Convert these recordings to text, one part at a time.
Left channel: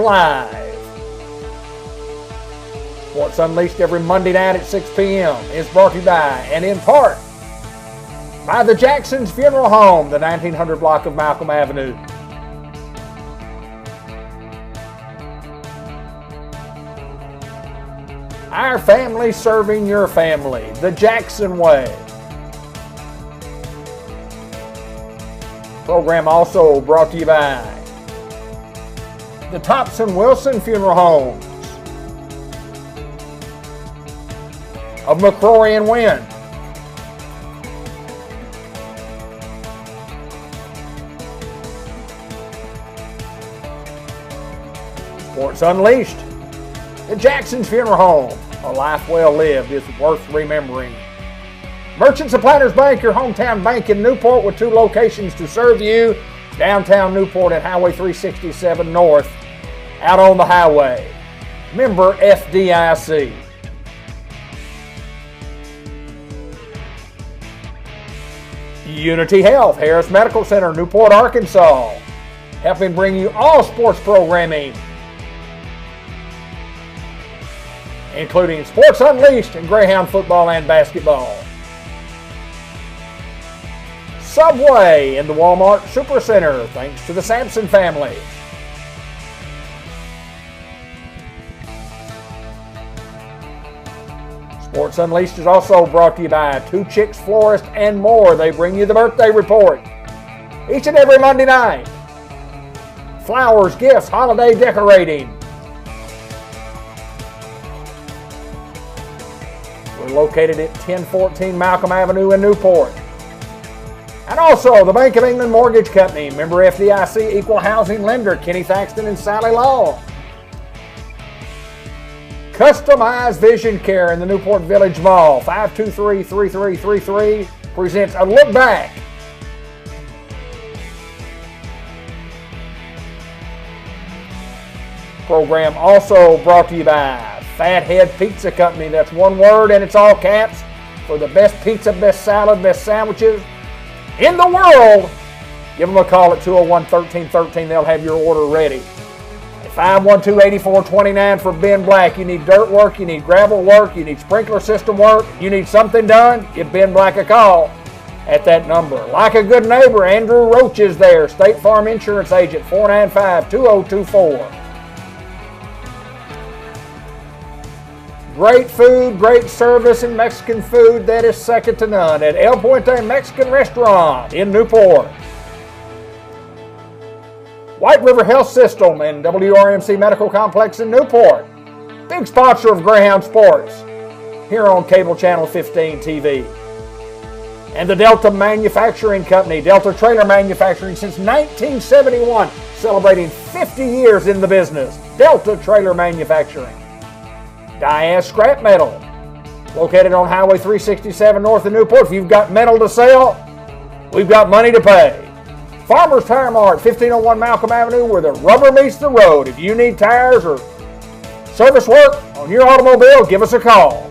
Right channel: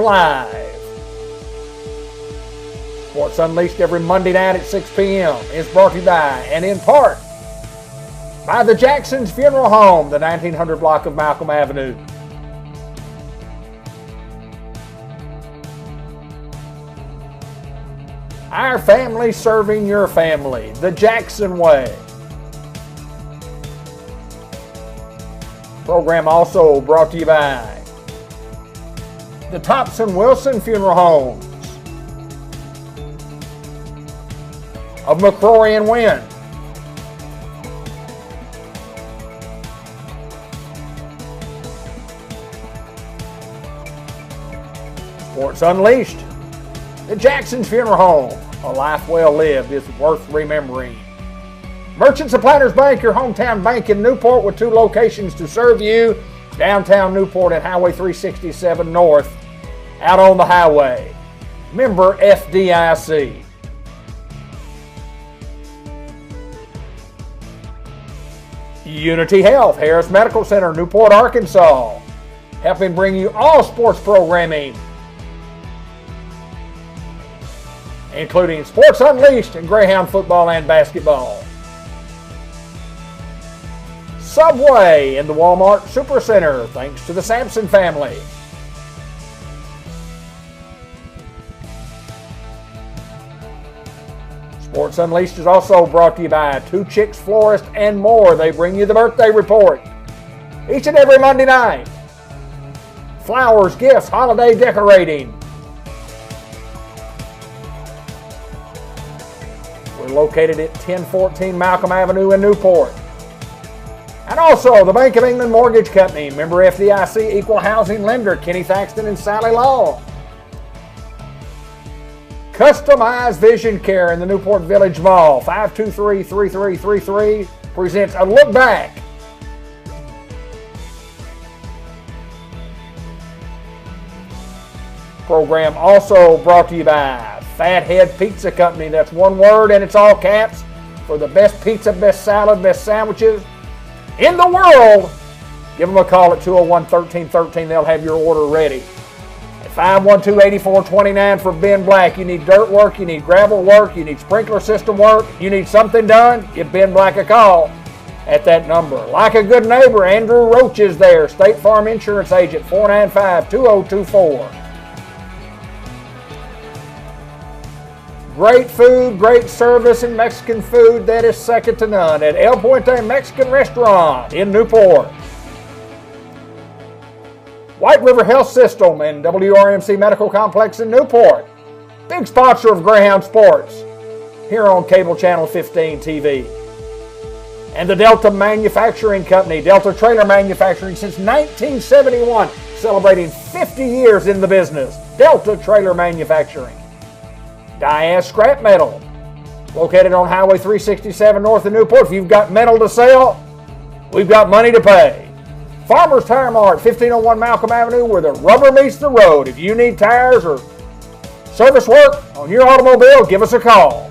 Live. Sports Unleashed every Monday night at 6 p.m. is brought to you by, and in part, by the Jackson's Funeral Home, the 1900 block of Malcolm Avenue. Our family serving your family, the Jackson way. Program also brought to you by the Thompson Wilson Funeral Homes of McCrory and Wynn. Sports Unleashed, the Jackson's Funeral Home. A life well lived is worth remembering. Merchants of Planters Bank, your hometown bank in Newport, with 2 locations to serve you. Downtown Newport at Highway 367 North, out on the highway. Member FDIC. Unity Health, Harris Medical Center, Newport, Arkansas, helping bring you all sports programming, including Sports Unleashed and Greyhound football and basketball. Subway in the Walmart Supercenter, thanks to the Sampson family. Sports Unleashed is also brought to you by Two Chicks Florist and more. They bring you the birthday report each and every Monday night. Flowers, gifts, holiday decorating. We're located at 1014 Malcolm Avenue in Newport. And also the Bank of England Mortgage Company, member FDIC, equal housing lender, Kenny Thaxton and Sally Law. Customized Vision Care in the Newport Village Mall, 523-3333, presents A Look Back. Program also brought to you by Fathead Pizza Company. That's one word and it's all caps for the best pizza, best salad, best sandwiches in the world. Give them a call at 201-1313. They'll have your order ready. At 512-8429 for Ben Black. You need dirt work, you need gravel work, you need sprinkler system work, you need something done, give Ben Black a call at that number. Like a good neighbor, Andrew Roach is there. State Farm Insurance Agent, 495-2024. Great food, great service, and Mexican food that is second to none at El Puente Mexican Restaurant in Newport. White River Health System and WRMC Medical Complex in Newport. Big sponsor of Greyhound Sports here on Cable Channel 15 TV. And the Delta Manufacturing Company, Delta Trailer Manufacturing since 1971, celebrating 50 years in the business. Delta Trailer Manufacturing. Diaz Scrap Metal, located on Highway 367 north of Newport. If you've got metal to sell, we've got money to pay. Farmers Tire Mart, 1501 Malcolm Avenue, where the rubber meets the road. If you need tires or service work on your automobile, give us a call.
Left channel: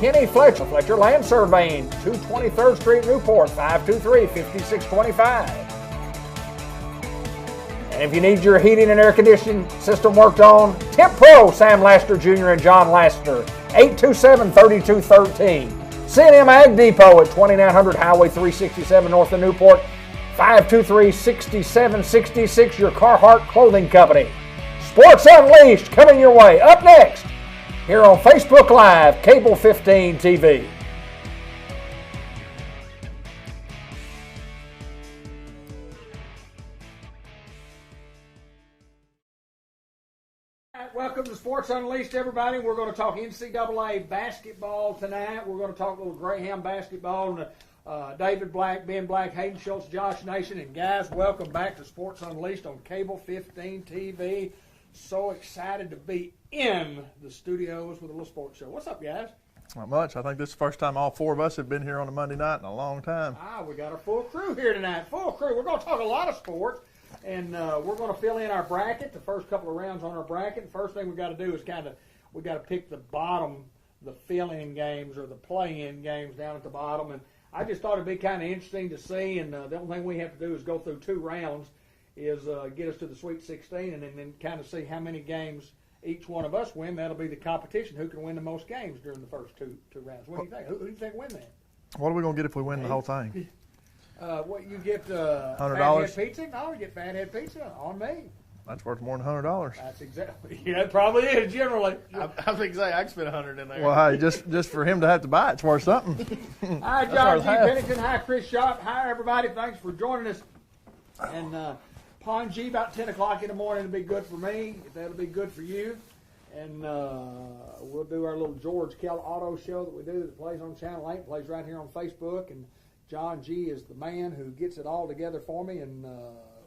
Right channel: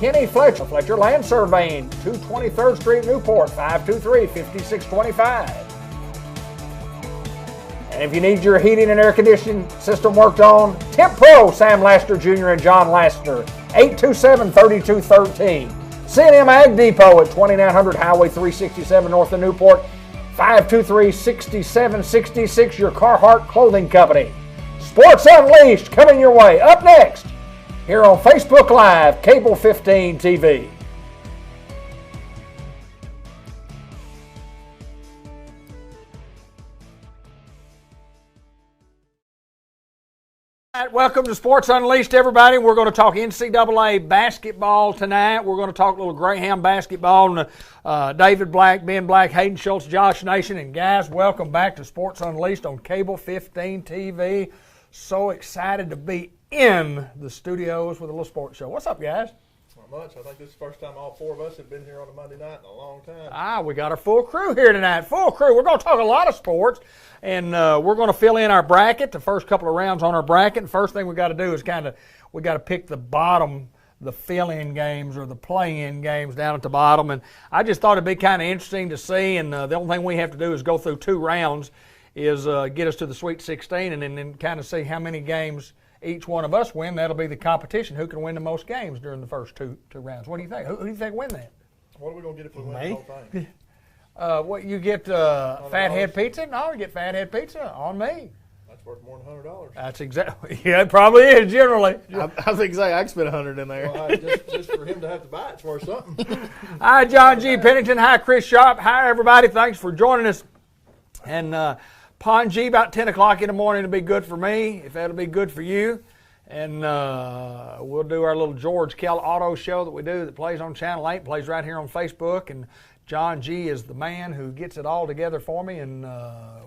Kenny Fletcher, Fletcher Land Surveying, 223rd Street, Newport, 523-5625. And if you need your heating and air conditioning system worked on, Temp Pro, Sam Laster Jr. and John Laster, 827-3213. C&M Ag Depot at 2900 Highway 367 north of Newport, 523-6766, your Carhartt Clothing Company. Sports Unleashed coming your way. Up next, here on Facebook Live, Cable 15 TV. Welcome to Sports Unleashed, everybody. We're going to talk NCAA basketball tonight. We're going to talk a little Greyhound basketball. And, David Black, Ben Black, Hayden Schultz, Josh Nation. And guys, welcome back to Sports Unleashed on Cable 15 TV. So excited to be in the studios with a little sports show. What's up, guys? Not much. I think this is the first time all 4 of us have been here on a Monday night in a long time. We got our full crew here tonight. Full crew. We're going to talk a lot of sports. And we're going to fill in our bracket, the first couple of rounds on our bracket. And first thing we got to do is we got to pick the bottom, the fill-in games or the play-in games down at the bottom. And I just thought it'd be kind of interesting to see. And the only thing we have to do is go through 2 rounds. is get us to the Sweet 16 and then kind of see how many games each one of us win. That'll be the competition. Who can win the most games during the first two rounds? What do you think? Who do you think win that? What are we going to get if we win the whole thing? What you get? Fathead pizza? No, you get Fathead pizza on me. That's worth more than $100. That's exactly. Yeah, it probably is generally. I think I can spend $100 in there. Well, hey, just for him to have to buy it's worth something. Hi, John G. Pennington. Hi, Chris Sharp. Hi, everybody. Thanks for joining us. And Pon G, about 10 o'clock in the morning will be good for me, if that'll be good for you. And we'll do our little George Kell Auto show that we do that plays on Channel 8, plays right here on Facebook. And John G. is the man who gets it all together for me, and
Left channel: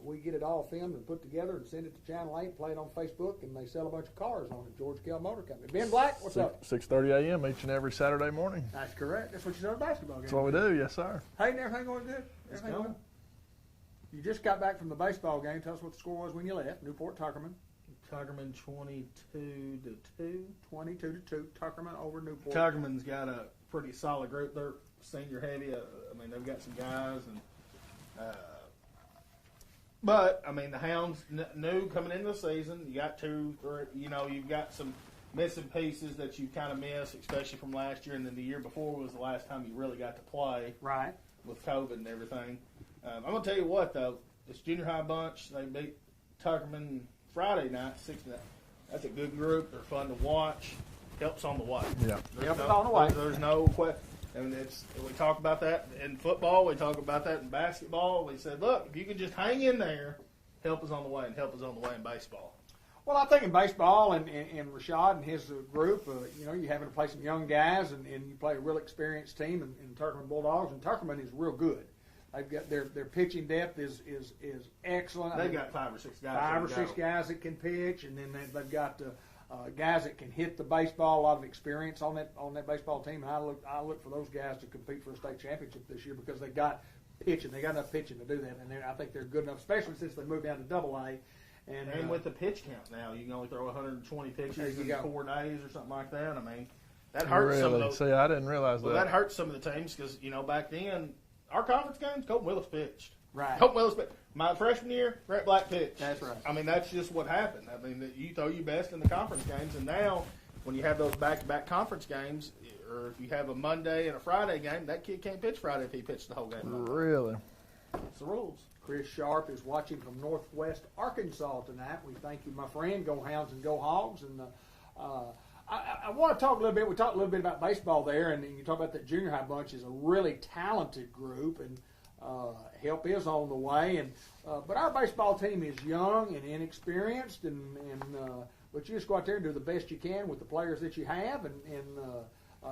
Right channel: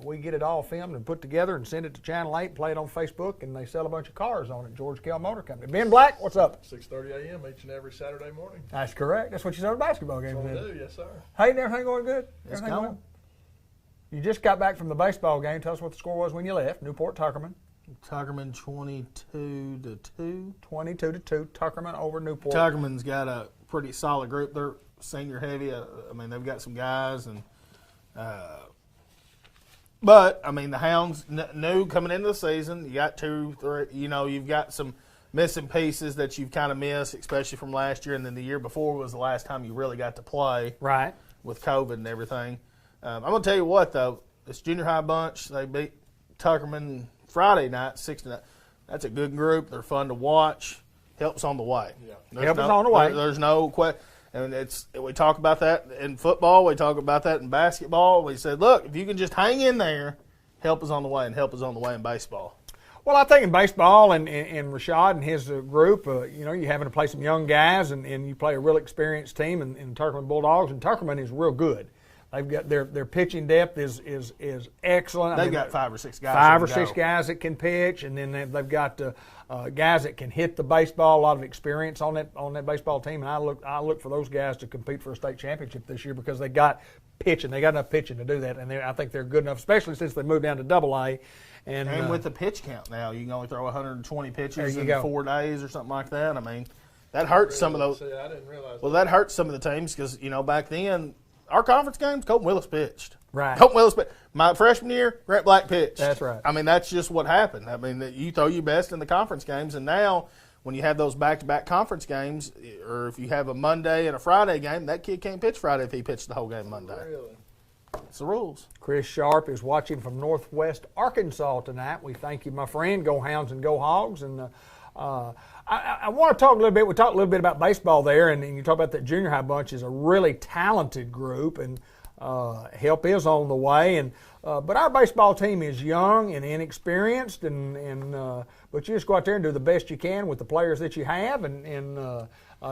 we get it all filmed and put together and send it to Channel 8, play it on Facebook, and they sell a bunch of cars on it, George Kell Motor Company. Ben Black, what's up? 6:30 a.m. each and every Saturday morning. That's correct. That's what you said at a basketball game. That's what we do, yes, sir. Hey, everything going good? It's going. You just got back from the baseball game. Tell us what the score was when you left. Newport, Tuckerman. Tuckerman 22-2. 22-2. Tuckerman over Newport. Tuckerman's got a pretty solid group. They're senior heavy. I mean, they've got some guys, and but I mean, the Hounds new coming into the season. You got 2, 3. You know, you've got some missing pieces that you've kind of missed, especially from last year, and then the year before was the last time you really got to play. Right. With COVID and everything. I'm gonna tell you what though, this junior high bunch, they beat Tuckerman Friday night, 6-9. That's a good group. They're fun to watch. Helps on the way. Yeah, helps on the way. There's no question. And we talk about that in football. We talk about that in basketball. We said, look, if you can just hang in there, help is on the way, and help is on the way in baseball. Well, I think in baseball and Rashad and his group, you know, you're having to play some young guys, and you play a real experienced team in Tuckerman Bulldogs, and Tuckerman is real good. They've got their pitching depth is excellent. They've got 5 or 6 guys. 5 or 6 guys that can pitch, and then they've got guys that can hit the baseball. A lot of experience on that baseball team, and I look for those guys to compete for a state championship this year because they got pitching. They got enough pitching to do that, and I think they're good enough, especially since they moved down to AA. And with the pitch count now, you can only throw 120 pitches in 4 days or something like that. I mean, that hurts some of those. See, I didn't realize that. Well, that hurts some of the teams because, you know, back then, our conference games, Colton Willis pitched. Right. Colton Willis pitched. My freshman year, Grant Black pitched. That's right. I mean, that's just what happened. I mean, you throw your best in the conference games, and now when you have those back-to-back conference games, or if you have a Monday and a Friday game, that kid can't pitch Friday if he pitched the whole game Monday. Really? It's the rules. Chris Sharp is watching from Northwest Arkansas tonight. We thank you, my friend. Go Hounds and go Hogs. And I want to talk a little bit. We talked a little bit about baseball there, and you talk about that junior high bunch is a really talented group, and help is on the way. And but our baseball team is young and inexperienced, but you just go out there and do the best you can with the players that you have, and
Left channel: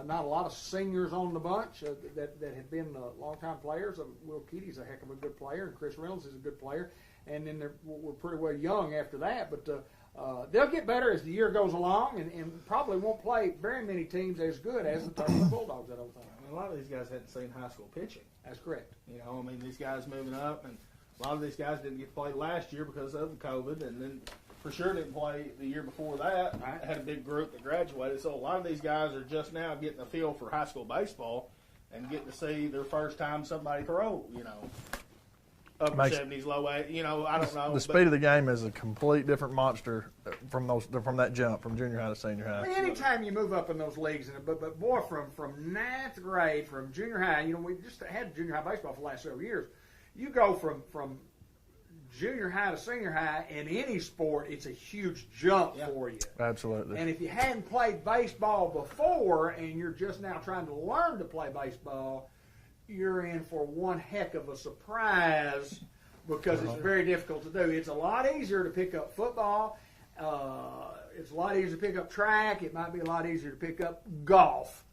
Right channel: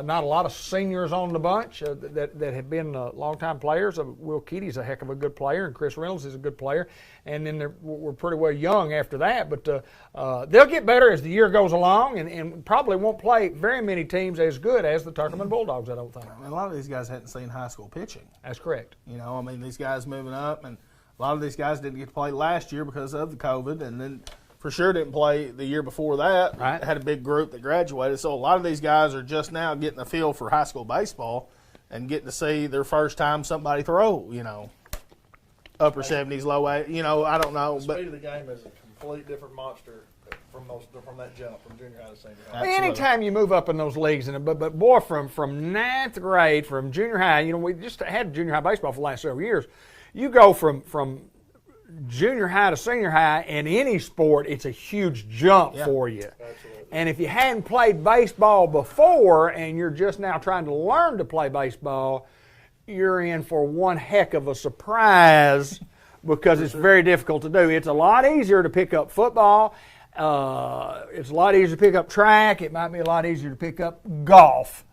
not a lot of seniors on the bunch that have been longtime players. Will Keaty's a heck of a good player, and Chris Reynolds is a good player. And then we're pretty well young after that. But they'll get better as the year goes along, and probably won't play very many teams as good as the Tuckerman Bulldogs, I don't think. I mean, a lot of these guys hadn't seen high school pitching. That's correct. You know, I mean, these guys moving up, and a lot of these guys didn't get to play last year because of the COVID, and then for sure didn't play the year before that. Right. Had a big group that graduated. So a lot of these guys are just now getting a feel for high school baseball and getting to see their first time somebody throw, you know, upper 70s, low 80s, you know, I don't know. The speed of the game is a complete different monster from that jump from junior high to senior high. Anytime you move up in those leagues, but boy, from ninth grade, from junior high, you know, we just had junior high baseball for the last several years. You go from junior high to senior high in any sport, it's a huge jump for you. Absolutely. And if you hadn't played baseball before and you're just now trying to learn to play baseball, you're in for one heck of a surprise because it's very difficult to do. It's a lot easier to pick up football. It's a lot easier to pick up track. It might be a lot easier to pick up golf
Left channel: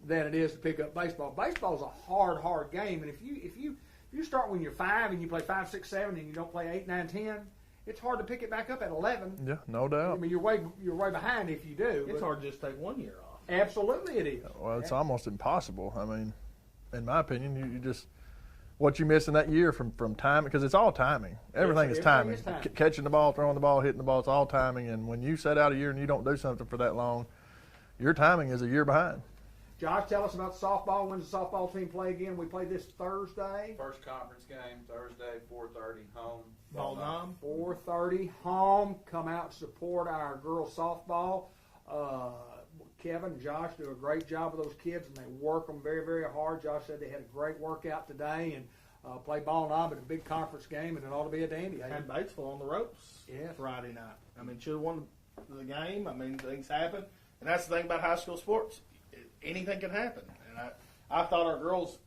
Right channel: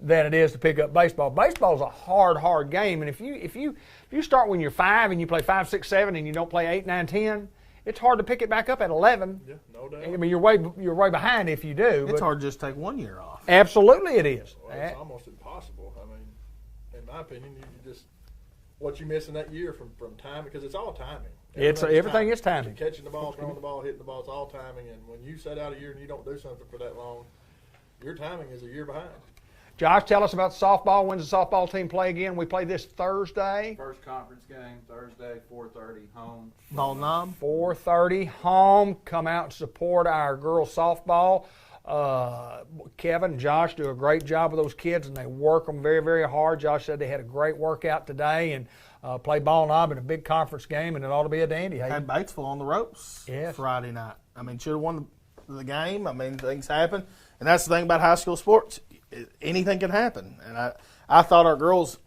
than it is to pick up baseball. Baseball is a hard game, and if you start when you're 5 and you play 5, 6, 7, and you don't play 8, 9, 10, it's hard to pick it back up at 11. Yeah, no doubt. I mean, you're way behind if you do. It's hard to just take 1 year off. Absolutely, it is. Well, it's almost impossible. I mean, in my opinion, you just what you miss in that year from time, because it's all timing. Everything is timing. Catching the ball, throwing the ball, hitting the ball, it's all timing. And when you set out a year and you don't do something for that long, your timing is a year behind. Josh, tell us about softball. When's the softball team play again? We play this Thursday. First conference game, Thursday, 4:30, home. Ball nom. 4:30 home. Come out and support our girls softball. Kevin and Josh do a great job with those kids, and they work them very, very hard. Josh said they had a great workout today and played ball knob in a big conference game, and it ought to be a dandy. Had Batesville on the ropes Friday night. I mean, should have won the game. I mean, things happen. And that's the thing about high school sports. Anything can happen. And I thought our girls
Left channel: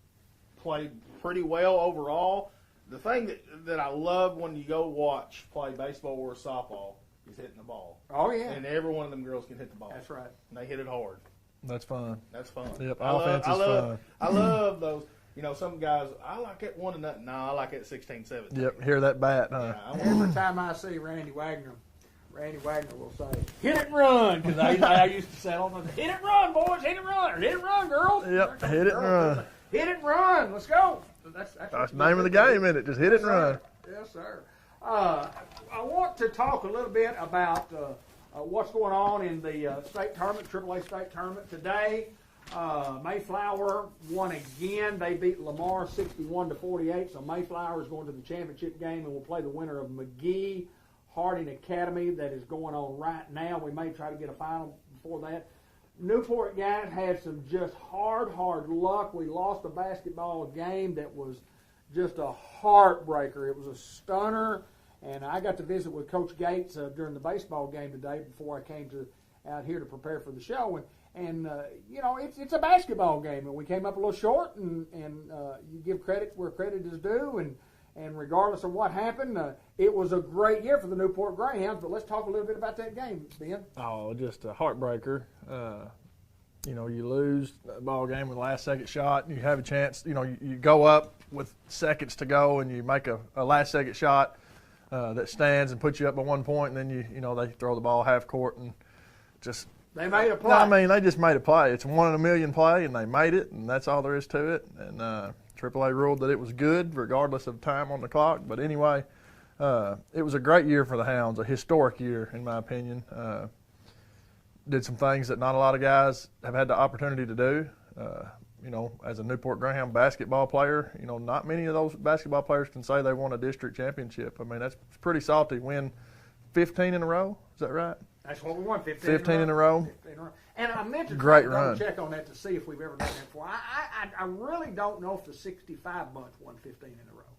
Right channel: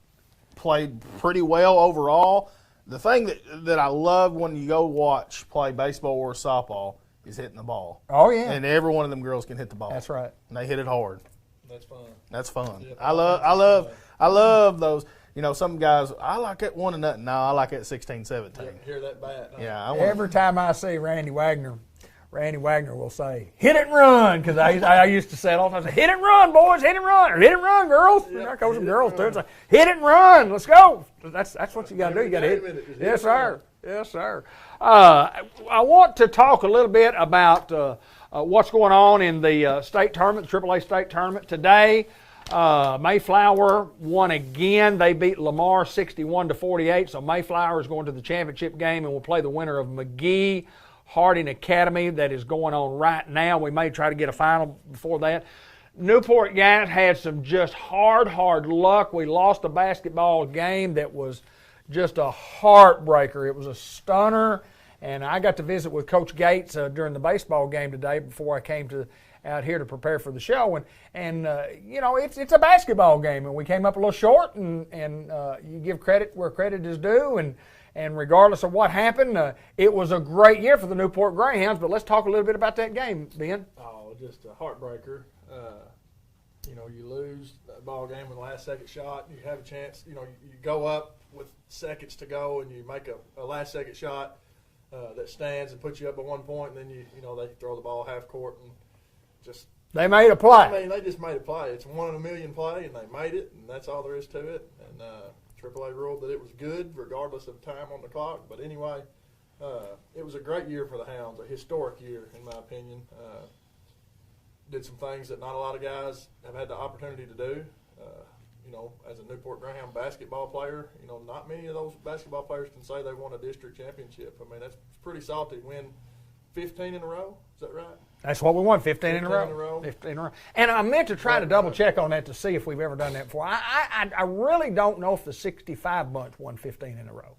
played pretty well overall. The thing that I love when you go watch play baseball or softball is hitting the ball. Oh, yeah. And every one of them girls can hit the ball. That's right. And they hit it hard. That's fun. That's fun. Yep, I love those. You know, some guys, I like it 1-0. No, I like it 16-17. Yep, hear that bat. Huh? Yeah. Every time I see Randy Wagner will say, hit it and run, because I used to say it all the time. Hit it and run, boys, hit it and run, or hit it and run, girls. Yep, Hit hit it and run, let's go. That's what you got to do. Name of the game, isn't it? Just hit Yes, it and run. sir. Yes, sir. I want to talk a little bit about what's going on in the state tournament, the AAA state tournament today. Mayflower won again. They beat Lamar 61-48. So Mayflower is going to the championship game and will play the winner of McGee Harding Academy that is going on right now. We may try to get a final before that. Newport guys had some just hard luck. We lost a basketball game that was just a heartbreaker. It was a stunner, and I got to visit with Coach Gates during the baseball game today before I came out here to prepare for the show. And you know, it's a basketball game, and we came up a little short, and you give credit where credit is due, and regardless of what happened, it was a great year for the Newport Greyhounds. But let's talk a little bit about that game, Ben. Oh, just a heartbreaker. You know, you lose the ball game with the last second shot. You have a chance. You know, you go up with seconds to go, and you make a last second shot that stands and puts you up by 1 point, and then you know they throw the ball half court and just. They made a play. I mean, they just made a play. It's a 1 in a million play, and they made it, and that's all there is to it. And AAA ruled that it was good regardless of time on the clock. But anyway, it was a great year for the Hounds, a historic year in my opinion. Did some things that not a lot of guys have had the opportunity to do. You know, as a Newport Greyhound basketball player, you know, not many of those basketball players can say they won a district championship. I mean, that's pretty salty. Win 15 in a row, is that right? That's what we won, 15 in a row. 15 in a row. And I meant to try to double check on that to see if we've ever done that before. I really don't know if the 65 bunch won 15 in a row,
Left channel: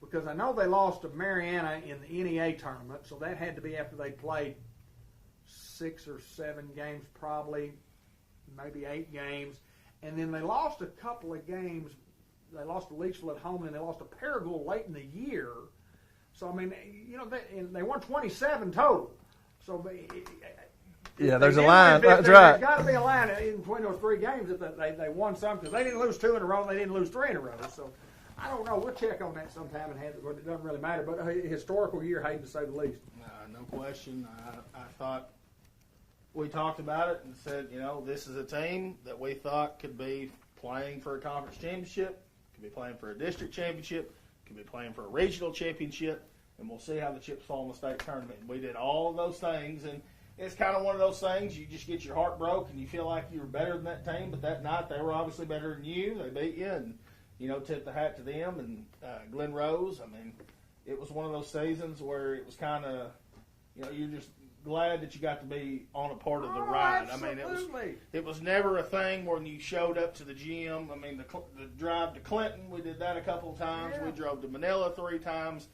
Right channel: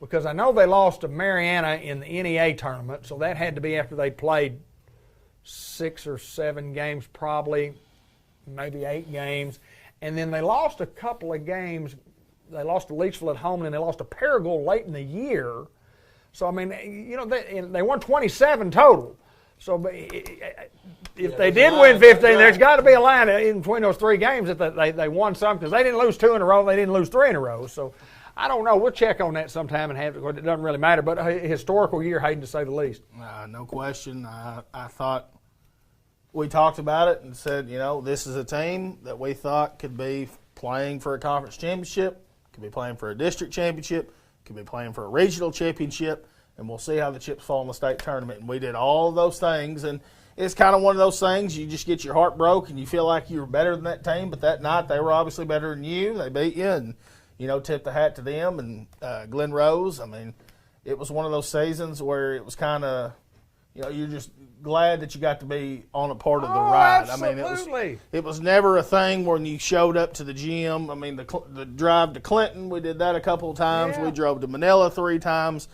because I know they lost to Mariana in the NEA tournament, so that had to be after they played 6 or 7 games probably, maybe 8 games. And then they lost a couple of games. They lost to Leachville at home, and they lost to Paragould late in the year. So, I mean, you know, they won 27 total. So if they did win 15, there's got to be a line in between those 3 games that they won some, because they didn't lose 2 in a row. They didn't lose 3 in a row. So I don't know. We'll check on that sometime and have it. It doesn't really matter. But a historical year, Hayden, to say the least. No question. I thought we talked about it and said, you know, this is a team that we thought could be playing for a conference championship, could be playing for a district championship, could be playing for a regional championship, and we'll see how the chips fall in the state tournament. And we did all of those things, and it's kind of one of those things you just get your heart broke and you feel like you were better than that team, but that night they were obviously better than you. They beat you, and, you know, tip the hat to them. And Glen Rose, I mean, it was one of those seasons where it was kind of, you know, you're just glad that you got to be on a part of the ride. Absolutely. I mean, it was never a thing when you showed up to the gym. I mean, the drive to Clinton, we did that a couple of times. Yeah. We drove to Manila 3 times,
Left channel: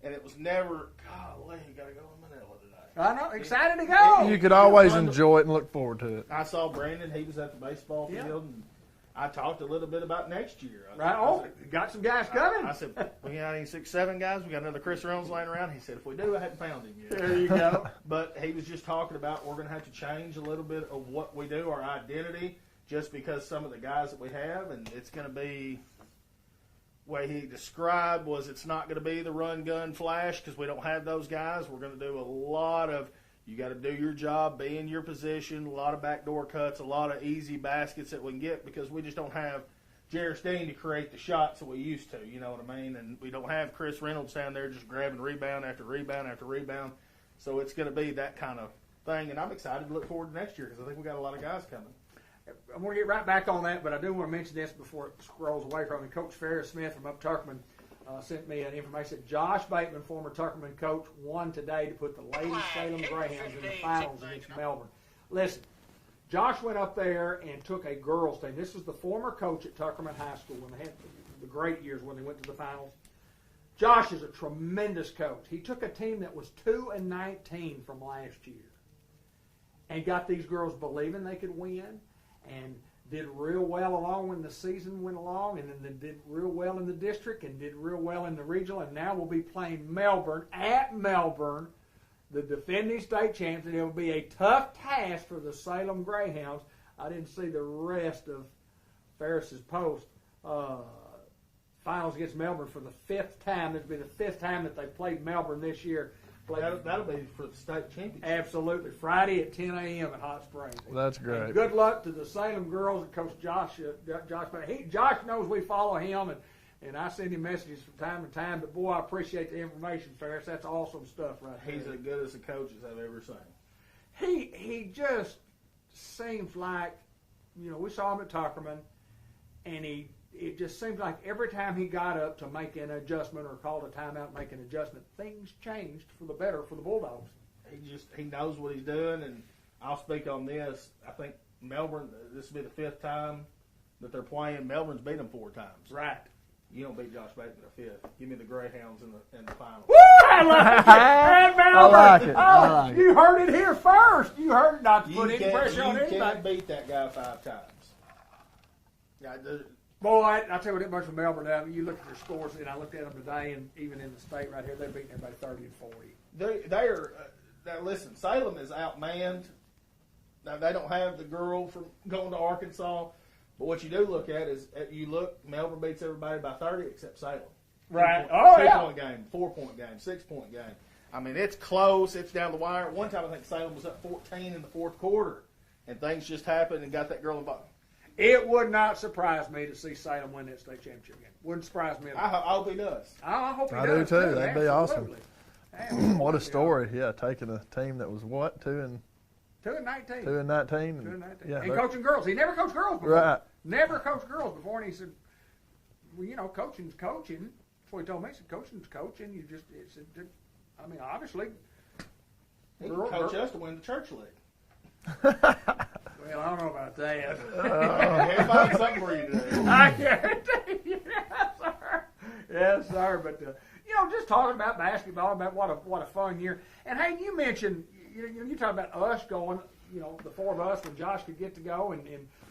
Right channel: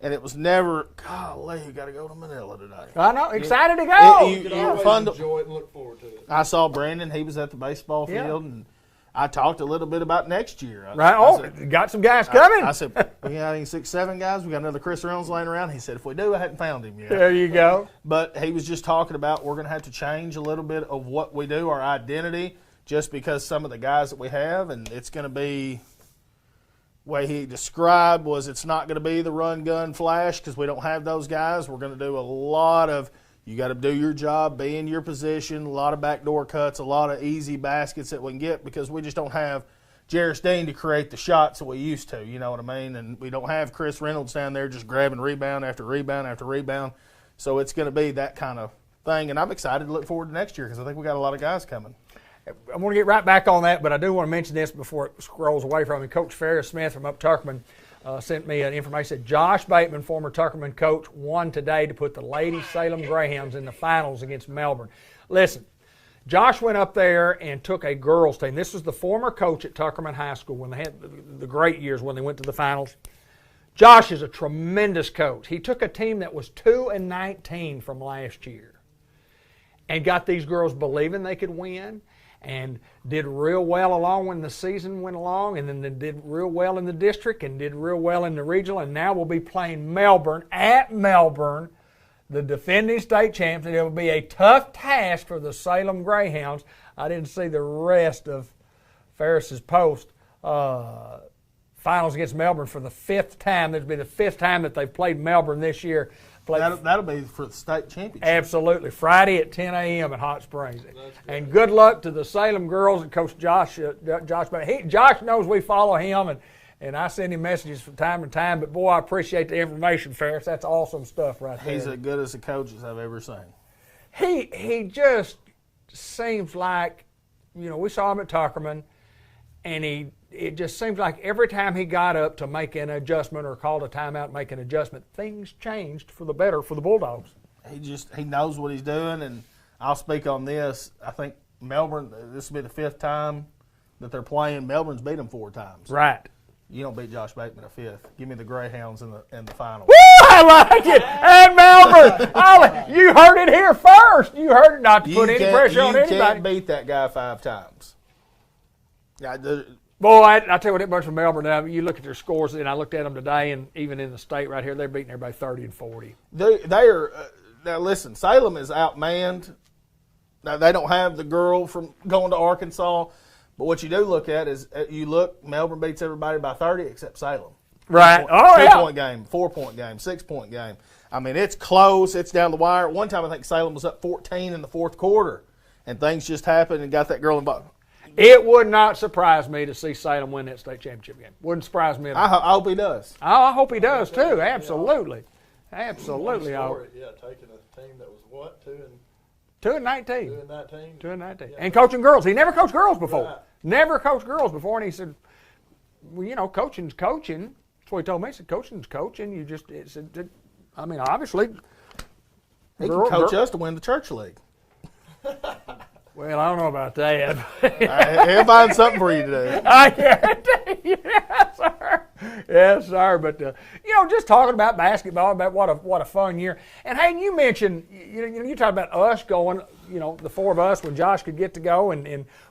and it was never, golly, you got to go to Manila today. I know, excited to go. You could always enjoy it and look forward to it. I saw Brandon. He was at the baseball field, and I talked a little bit about next year. I said, got some guys coming. I said, we got any 6, 7 guys? We got another Chris Reynolds laying around. He said, if we do, I hadn't found him yet. There you go. But he was just talking about we're going to have to change a little bit of what we do, our identity, just because some of the guys that we have, and it's going to be, the way he described was it's not going to be the run, gun, flash, because we don't have those guys. We're going to do a lot of, you got to do your job, be in your position, a lot of backdoor cuts, a lot of easy baskets that we can get, because we just don't have Jarris Dean to create the shots that we used to, you know what I mean? And we don't have Chris Reynolds down there just grabbing rebound after rebound after rebound. So it's going to be that kind of thing. And I'm excited to look forward to next year, because I think we got a lot of guys coming. I'm going to get right back on that, but I do want to mention this before it scrolls away from me. Coach Ferris Smith from up Tuckerman sent me an information. Said Josh Bateman, former Tuckerman coach, won today to put the Lady Salem Greyhounds in the finals against Melbourne. Listen, Josh went up there and took a girls team. This was the former coach at Tuckerman High School when they had the great years when they went to the finals. Josh is a tremendous coach. He took a team that was 2-19 from last year and got these girls believing they could win, and did real well along when the season went along, and then they did real well in the district and did real well in the regional, and now we'll be playing Melbourne at Melbourne, the defending state champs, and it will be a tough task for the Salem Greyhounds. I didn't see the rest of Ferris's post. Finals against Melbourne for the 5th time. This will be the 5th time that they've played Melbourne this year. That'll be for the state championship. Absolutely. Friday at 10 a.m. at Hot Springs. That's great. And good luck to the Salem girls and Coach Josh. Josh knows we follow him, and I send him messages from time to time. But, boy, I appreciate the information, Ferris. That's awesome stuff right there. He's as good as the coaches I've ever seen. He just seems like, we saw him at Tuckerman, and it just seems like every time he got up to make an adjustment or called a timeout, make an adjustment, things changed for the better for the Bulldogs. He knows what he's doing, and I'll speak on this. I think Melbourne, this will be the 5th time that they're playing. Melbourne's beat them 4 times. Right. You don't beat Josh Bateman a 5th. Give me the Greyhounds in the final. Woo! I like it. And Melbourne. I like it. You heard it here first. You heard it, not to put any pressure on anybody. You can't beat that guy 5 times. Yeah, Boy, I tell you what, it bunch from Melbourne, now, you look at their scores, and I looked at them today, and even in the state right here, they're beating everybody 30 and 40. They are now listen, Salem is outmanned. Now, they don't have the girl from going to Arkansas, but what you do look at is Melbourne beats everybody by 30 except Salem. Right. 2-point game, 4-point game, 6-point game. I mean, it's close. It's down the wire. One time I think Salem was up 14 in the 4th quarter, and things just happened and got that girl involved. It would not surprise me to see Salem win that state championship game. Wouldn't surprise me at all. I hope he does. I hope he does, too. That'd be Absolutely. awesome. Absolutely. What a story. Yeah, taking a team that was what, 2-19? 2-19. 2-19. 2-19. Yeah, and coaching girls. He never coached girls before. Right. Never coached girls before. And he said, well, coaching's coaching. That's what he told me. He said, coaching's coaching. Obviously. He can coach us to win the church league. Well, I don't know about that. He'll find something for you to do. I guarantee you. Yes, sir. Yes, sir. But, just talking about basketball, about what a fun year. And, hey, you mentioned, you talk about us going, the 4 of us when Josh could get to go.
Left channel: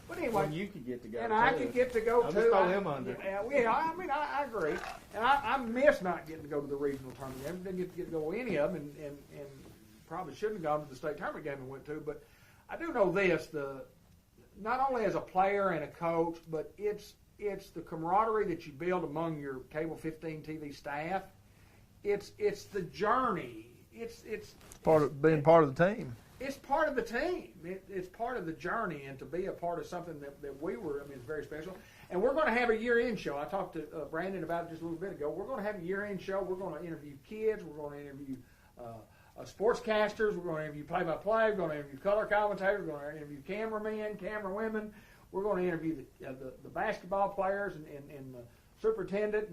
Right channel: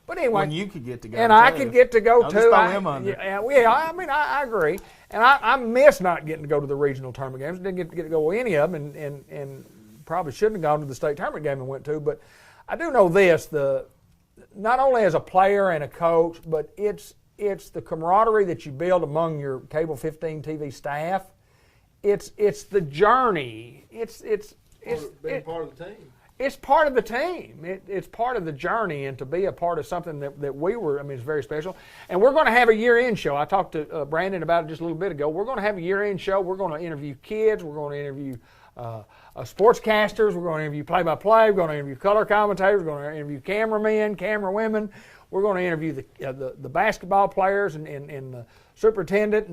But anyway. When you could get to go, and too. I could get to go, I'll too. Just throw him under. I agree. And I miss not getting to go to the regional tournament games. Didn't get to go to any of them, and probably shouldn't have gone to the state tournament game and went to. But I do know this, not only as a player and a coach, but it's the camaraderie that you build among your Cable 15 TV staff. It's the journey. It's part of the team. It's part of the team. It's part of the journey, and to be a part of something that we were, it's very special. And we're going to have a year-end show. I talked to Brandon about it just a little bit ago. We're going to have a year-end show. We're going to interview kids. We're going to interview sportscasters. We're going to interview play-by-play. We're going to interview color commentators. We're going to interview cameramen, camerawomen. We're going to interview the basketball players and the superintendent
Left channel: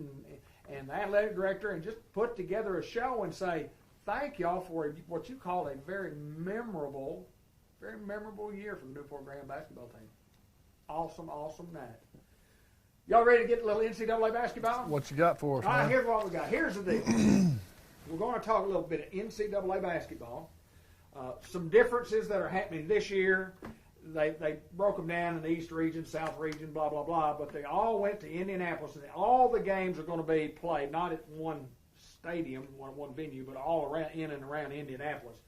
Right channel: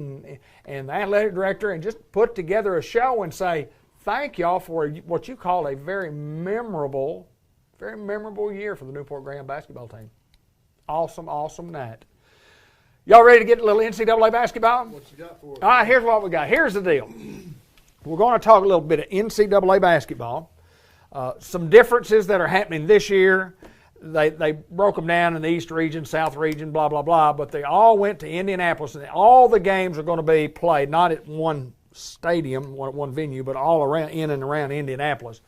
and the athletic director, and just put together a show and say, thank y'all for what you call a very memorable year for the Newport Greyhound basketball team. Awesome, awesome night. Y'all ready to get a little NCAA basketball? What you got for us? All right, here's what we got. Here's the deal. We're going to talk a little bit of NCAA basketball. Some differences that are happening this year. They broke them down in the East region, South region, blah, blah, blah, but they all went to Indianapolis, and all the games are going to be played, not at one stadium, one venue, but all around, in and around Indianapolis.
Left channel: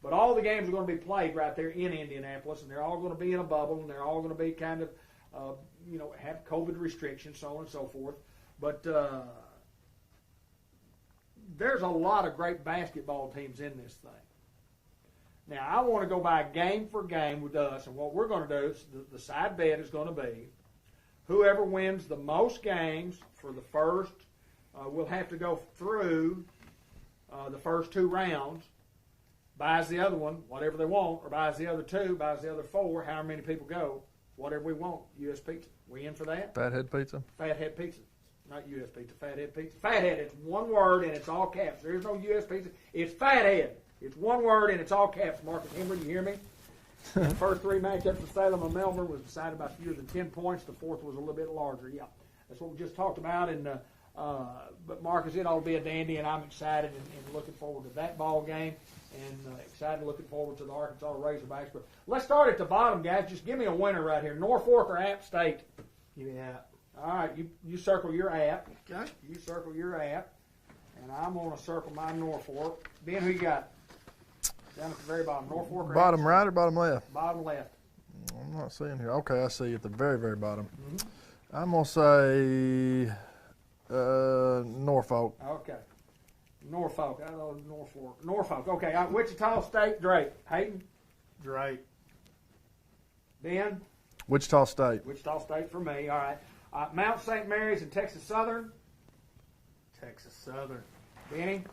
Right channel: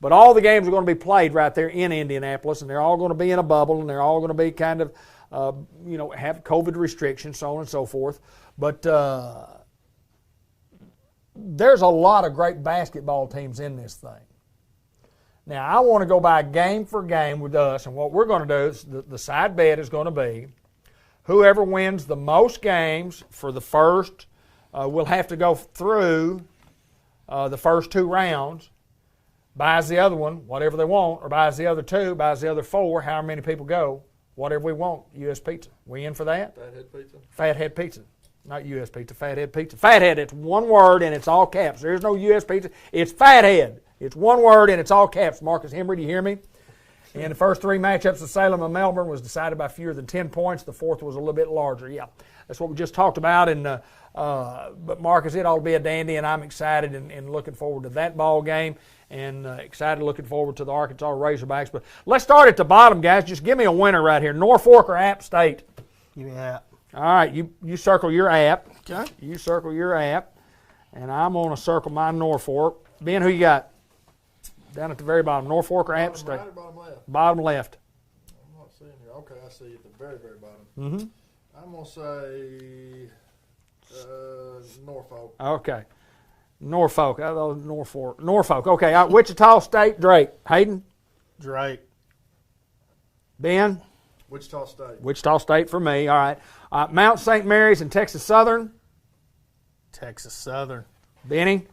But all the games are going to be played right there in Indianapolis, and they're all going to be in a bubble, and they're all going to be kind of, have COVID restrictions, so on and so forth. But there's a lot of great basketball teams in this thing. Now, I want to go by game for game with us, and what we're going to do is the side bet is going to be whoever wins the most games for the first, we'll have to go through the first 2 rounds, buys the other one, whatever they want, or buys the other 2, buys the other 4, however many people go, whatever we want, U.S. Pizza. We in for that? Fathead Pizza. Fathead Pizza. Not U.S. Pizza, Fathead Pizza. Fathead, it's one word and it's all caps. There's no U.S. Pizza. It's Fathead. It's one word and it's all caps. Marcus Hembry, do you hear me? In the first 3 matchups of Salem and Melbourne was decided by fewer than 10 points. The fourth was a little bit larger. Yeah, that's what we just talked about. And but Marcus, it ought to be a dandy, and I'm excited and looking forward to that ball game, and excited looking forward to the Arkansas Razorbacks. But let's start at the bottom, guys. Just give me a winner right here. Norfolk or App State? Give me App. All right, you circle your App. Okay. You circle your App, and I'm going to circle my Norfolk. Ben, who you got? Down at the very bottom, Norfolk or App Bottom State? right or bottom left? Bottom left. I'm not seeing here. Okay, I see at the very, very bottom. Mm-hmm. I'm going to say Norfolk. Okay. Norfolk. I thought Norfolk. Norfolk. Okay. Wichita State, Drake. Hayden? Drake. Ben? Wichita State. Wichita State for me. All right. Mount St. Mary's and Texas Southern? Texas Southern. Benny?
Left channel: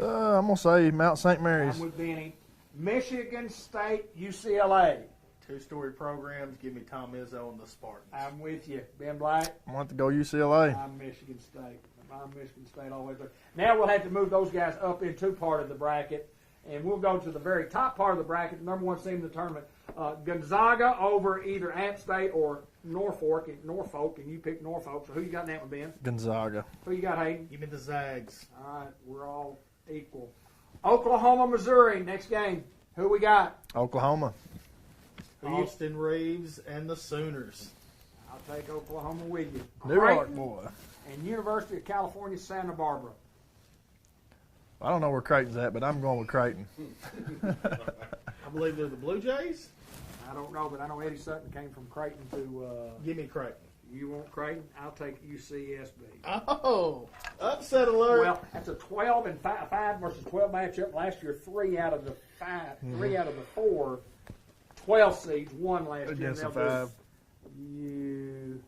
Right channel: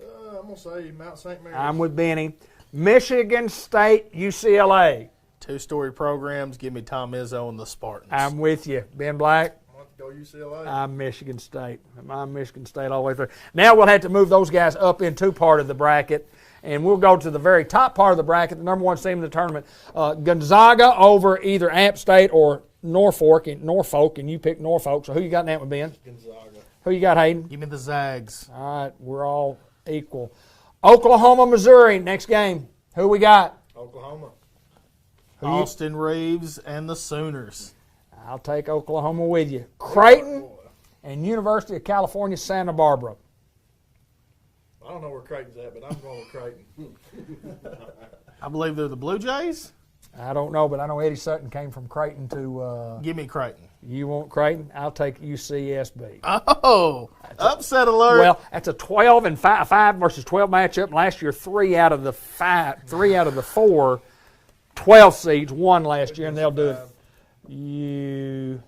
I'm going to say Mount St. Mary's. I'm with Benny. Michigan State, UCLA? 2-story programs. Give me Tom Izzo and the Spartans. I'm with you. Ben Black? I want to go UCLA. I'm Michigan State. I'm Michigan State all the way through. Now we'll have to move those guys up into part of the bracket, and we'll go to the very top part of the bracket, the number 1 team in the tournament. Gonzaga over either App State or Norfolk, and you pick Norfolk. So who you got in that one, Ben? Gonzaga. Who you got, Hayden? Give me the Zags. All right, we're all equal. Oklahoma, Missouri, next game. Who we got? Oklahoma. Austin Reeves and the Sooners. I'll take Oklahoma with you. Creighton and University of California, Santa Barbara. I don't know where Creighton's at, but I'm going with Creighton. I believe they're the Blue Jays. I don't know, but I know Eddie Sutton came from Creighton to. Give me Creighton. You want Creighton? I'll take UCSB. Oh, upset alert. Well, that's a 12 and 5 versus 12 matchup. Last year, 3 out of the 4 12 seeds won last year, and they'll do UCSB.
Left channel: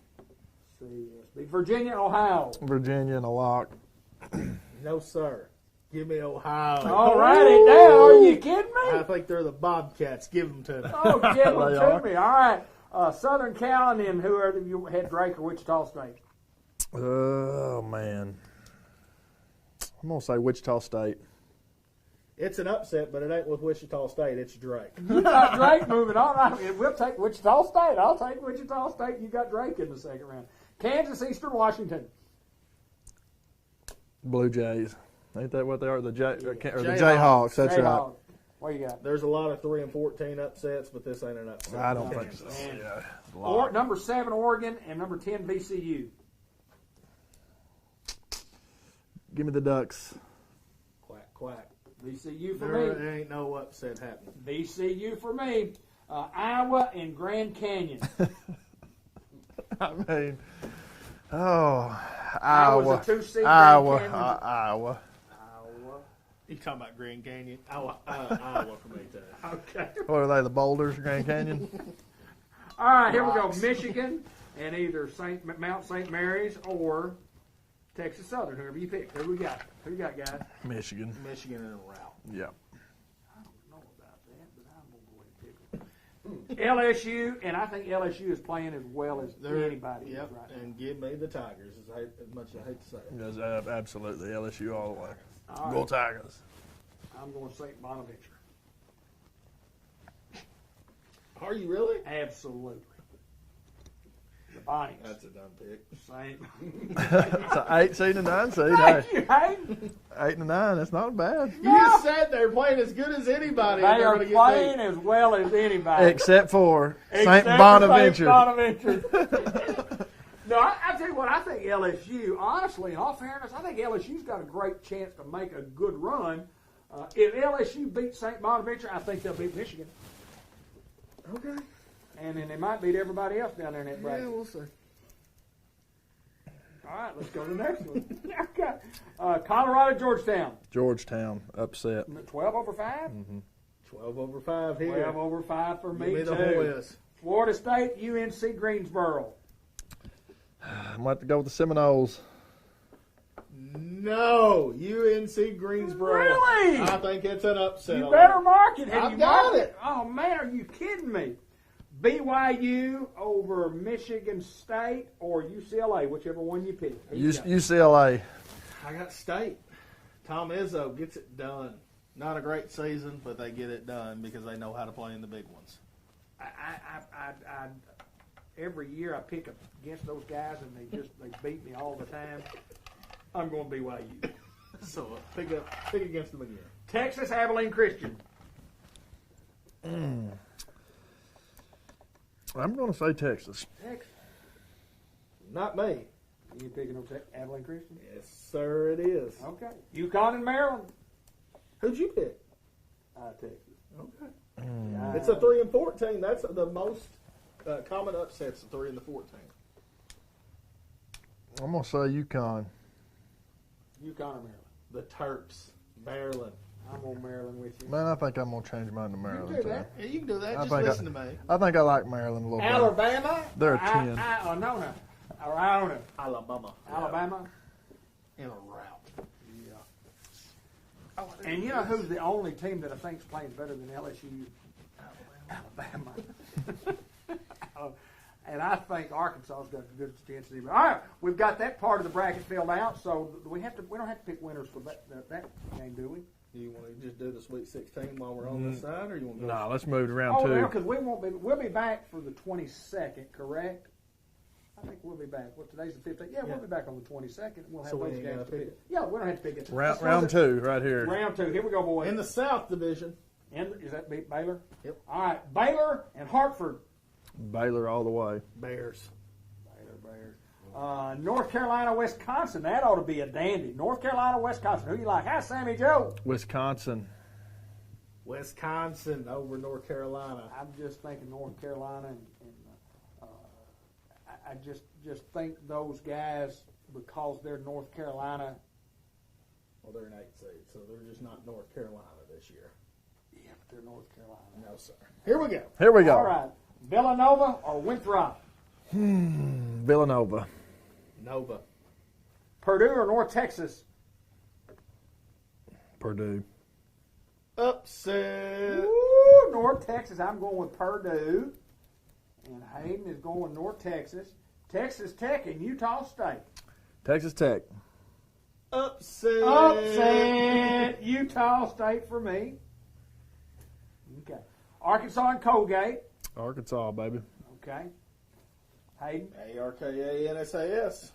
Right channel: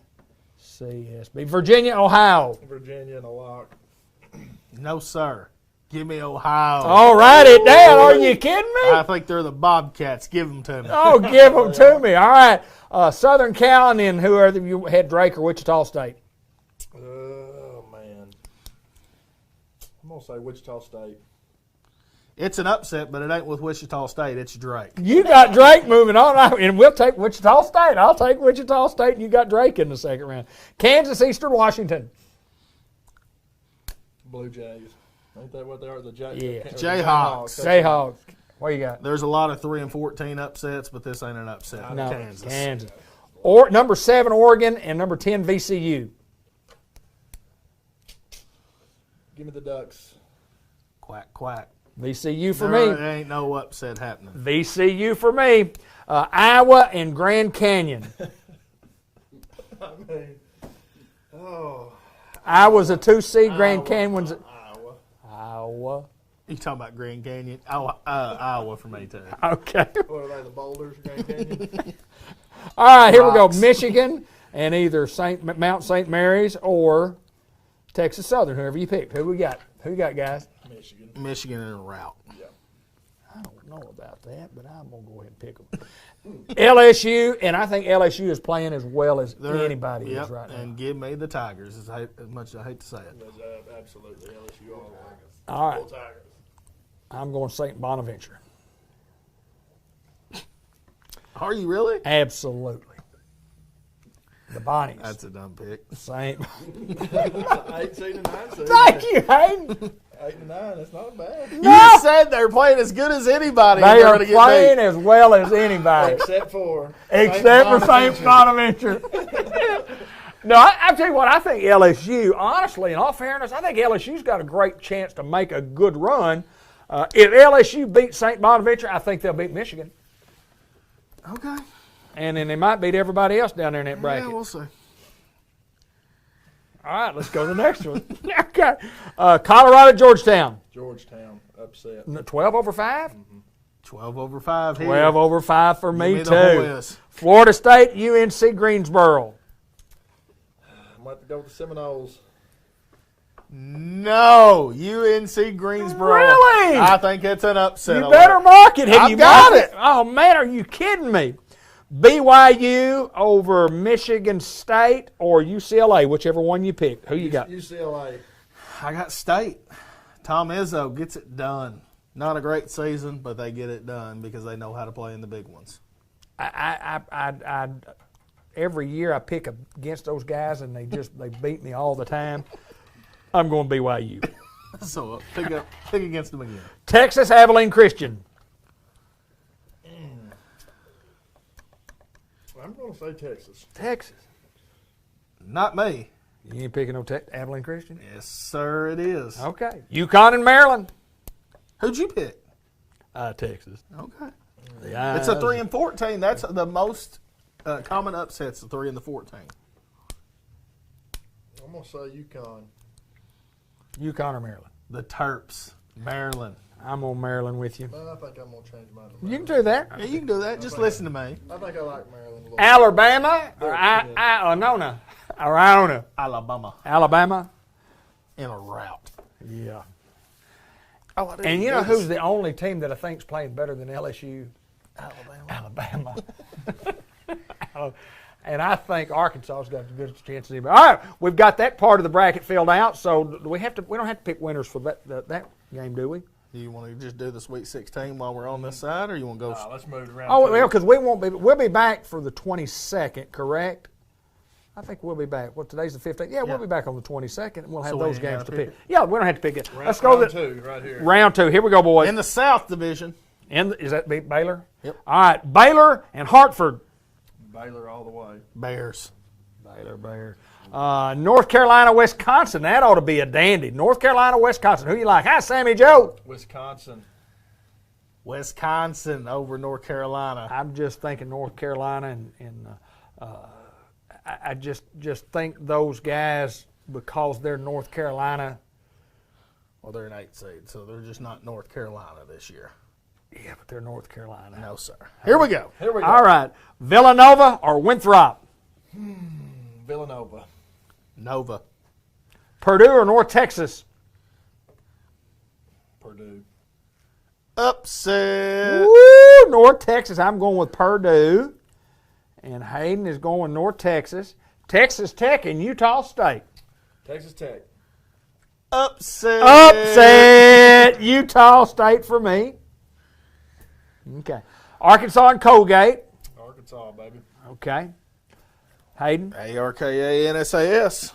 Virginia, Ohio. Virginia and a lock. No, sir. Give me Ohio. All right, it down. Are you kidding me? I think they're the Bobcats. Give them to me. Oh, give them to me. All right. Southern Cal, and then whoever you had, Drake or Wichita State. Oh, man. I'm going to say Wichita State. It's an upset, but it ain't with Wichita State. It's Drake. You got Drake moving on, and we'll take Wichita State. I'll take Wichita State, and you got Drake in the second round. Kansas, Eastern Washington. Blue Jays. Ain't that what they are? The Jayhawks. Jayhawks. That's right. Jayhawks. What you got? There's a lot of 3 and 14 upsets, but this ain't an upset. I know. Kansas. Kansas. Or number 7 Oregon and number 10 VCU. Give me the Ducks. Quack, quack. VCU for There me. ain't no upset happening. VCU for me. Iowa and Grand Canyon. I mean, oh. Iowa's a 2 seed. Grand Iowa. Canyon's Iowa. Iowa. You talking about Grand Canyon? Iowa for me, too. Okay. What are they, the Boulders, Grand Canyon? All right, here Rocks. we go. Michigan and either Mount St. Mary's or Texas Southern, whoever you pick. Who we got? Who you got, guys? Michigan. Michigan in a rout. Yep. I don't know about that, but I'm going to go ahead and pick them. LSU, and I think LSU is playing as well as anybody is right now. And give me the Tigers, as much as I hate to say it. Yes, absolutely. LSU all the way. All right. Go Tigers. I'm going St. Bonaventure. Are you really? Absolutely. The Bonnies. That's a dumb pick. St. It's an 8 seed and 9 seed. Thank you, Hayden. 8 and 9. That's not bad. You just said they're playing as good as anybody. They and they're are gonna get playing beat. as well as anybody. Except for Except for St. Bonaventure. No, I'll tell you what, I think LSU, honestly, in all fairness, I think LSU's got a great chance to make a good run. If LSU beats St. Bonaventure, I think they'll beat Michigan. Okay. And then they might beat everybody else down there in that bracket. Yeah, we'll see. All right, let's go to the next one. Okay. Colorado, Georgetown. Georgetown upset. 12 over 5? 12 over 5 here. 12 over 5 for me, Give too. me the Hoyas. Florida State, UNC Greensboro. I'm going to have to go with the Seminoles. No, UNC Greensboro. Really? I think it's an upset. You alert. better mark it. Have I've you got marked it. Oh, man, are you kidding me? BYU over Michigan State or UCLA, whichever one you pick. Who you got? UCLA. I got State. Tom Izzo gets it done. Not a great season, but they get it done because they know how to play in the big ones. I every year I pick against those guys and they beat me all the time. I'm going BYU. So pick against them again. Texas Abilene Christian. I'm going to say Texas. Texas. Not me. You ain't picking no Abilene Christian? Yes, sir, it is. Okay. UConn and Maryland. Who'd you pick? Texas. Okay. Yeah. It's a 3-14. That's the most common upsets, the 3 and the 14. I'm going to say UConn. UConn or Maryland? The Terps, Maryland. I'm on Maryland with you. Man, I think I'm going to change mine to Maryland. You can do that. Yeah, you can do that. Just listen to me. I think I like Maryland a little Alabama. They're Or a 10. Iona. Or Iona. Alabama Alabama. in a rout. Yeah. Oh, I didn't And you do know this. who's the only team that I think's playing better than LSU? Alabama. And I think Arkansas's got the good chance of anybody. All right, we've got that part of the bracket filled out. So we don't have to pick winners for that game, do we? Do you want to just do the Sweet 16 while we're on this side, or you want to go? No, let's move it around. Oh, two. well, because we'll be back for the 22nd, correct? I think we'll be back. Well, today's the 15th. Yeah, we'll be back on the 22nd, and we'll have So we those ain't games gotta to pick pick. Yeah, we don't have to pick it. Let's go round to two right here. round 2. Here we go, boys. In the South Division. Is that Baylor? Yep. All right, Baylor and Hartford. Baylor all the way. Bears. Baylor. North Carolina, Wisconsin. That ought to be a dandy. North Carolina, Wisconsin. Who you like? Hi, Sammy Joe. Wisconsin. Wisconsin over North Carolina. I'm just thinking North Carolina, and I just think those guys, because they're North Carolina. Well, they're an 8 seed, so they're just not North Carolina this year. Yeah, but they're North Carolina. No, sir. Here we go. Here we go. All right, Villanova or Winthrop? Villanova. Nova. Purdue or North Texas? Purdue. Upset. Woo, North Texas. I'm going with Purdue. And Hayden is going North Texas. Texas Tech and Utah State. Texas Tech. Upset. Upset. Utah State for me. Okay. Arkansas and Colgate. Arkansas, baby. Okay. Hayden. ARKA NSAS.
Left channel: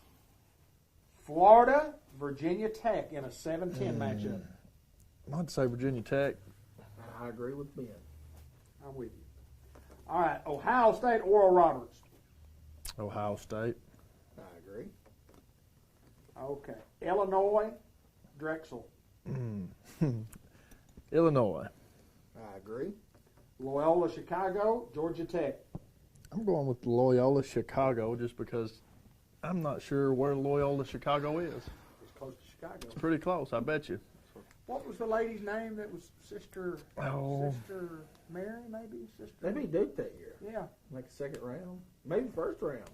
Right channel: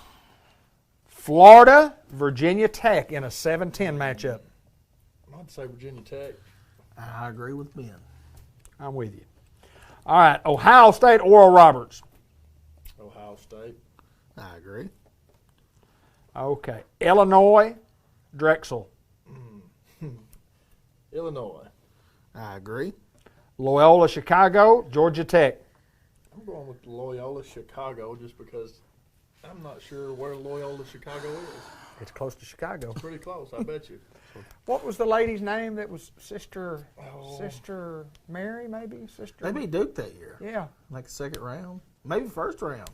Florida, Virginia Tech in a 7-10 matchup. I'm going to say Virginia Tech. I agree with Ben. I'm with you. All right. Ohio State, Oral Roberts. Ohio State. I agree. Okay. Illinois, Drexel. Illinois. I agree. Loyola, Chicago, Georgia Tech. I'm going with Loyola Chicago just because I'm not sure where Loyola Chicago is. It's close to Chicago. Pretty close, I bet you. What was the lady's name that was Sister Oh. Mary, maybe? Sister. They beat Duke that year. Yeah. Like the second round. Maybe first round.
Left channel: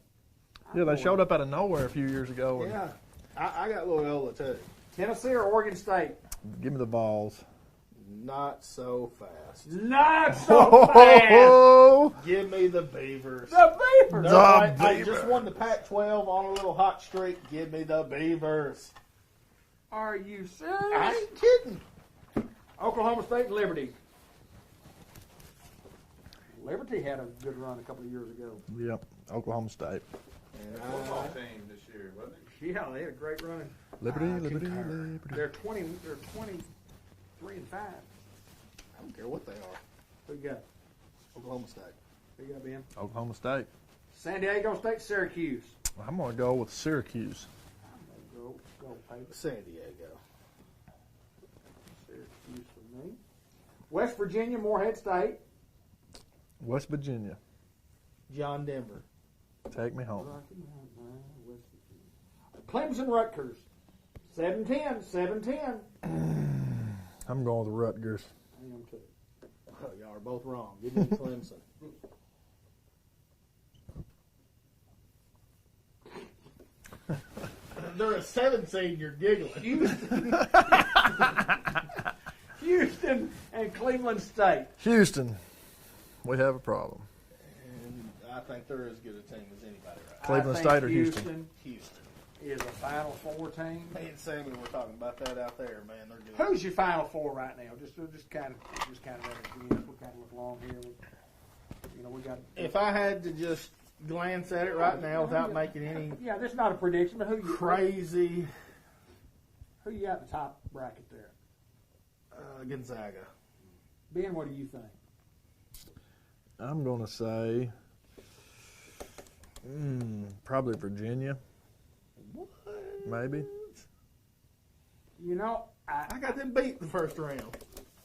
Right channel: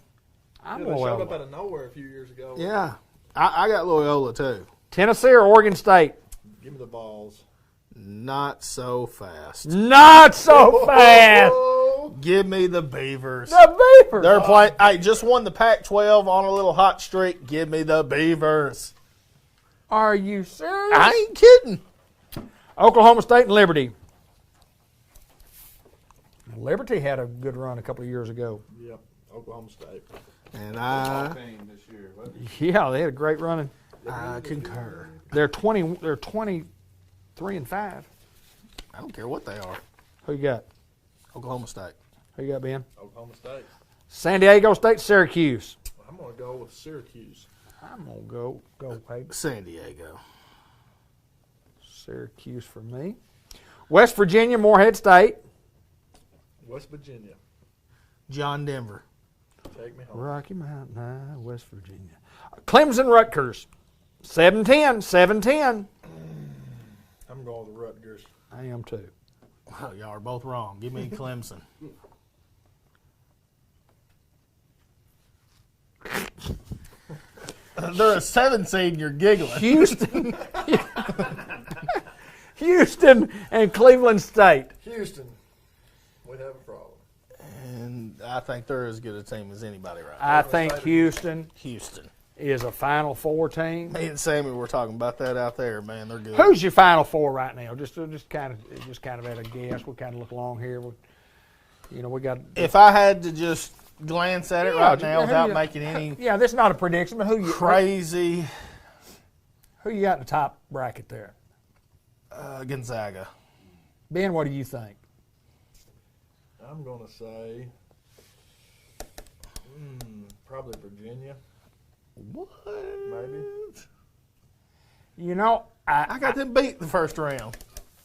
Yeah, they showed up out of nowhere a few years ago. Yeah. I got Loyola, too. Tennessee or Oregon State? Give me the balls. Not so fast. Not so fast. Oh, Give me the Beavers. The Beavers. They're playing. Hey, just won the Pac-12 on a little hot streak. Give me the Beavers. Are you serious? I ain't kidding. Oklahoma State and Liberty. Liberty had a good run a couple of years ago. Yep, Oklahoma State. And Football team this year, wasn't it? Yeah, they had a great run. I concur. They're 23-5. I don't care what they are. Who you got? Oklahoma State. Who you got, Ben? Oklahoma State. San Diego State, Syracuse. I'm going to go with Syracuse. I'm going to go Peyton. San Diego. Syracuse for me. West Virginia, Morehead State. West Virginia. John Denver. Take me home. Rocky Mountain High, West Virginia. Clemson, Rutgers. 7-10, 7-10. I'm going with Rutgers. I am too. Well, y'all are both wrong. Give me Clemson. They're a 7 seed and you're giggling. Houston. Houston and Cleveland State. Houston. We have a problem. I think they're as good a team as anybody right now. I Cleveland think State or Houston Houston. is a Final Four team. Me and Sammy were talking about that out there, man. They're good. Who's your Final Four right now? Just kind of at a guess. We kind of look along here. We got. If I had to just glance at it Yeah, right now who without you- making any Yeah, this is not a prediction, but crazy who you got in the top bracket there? Gonzaga. Ben, what do you think? I'm going to say probably Virginia. What? Maybe. I got them beat the first round.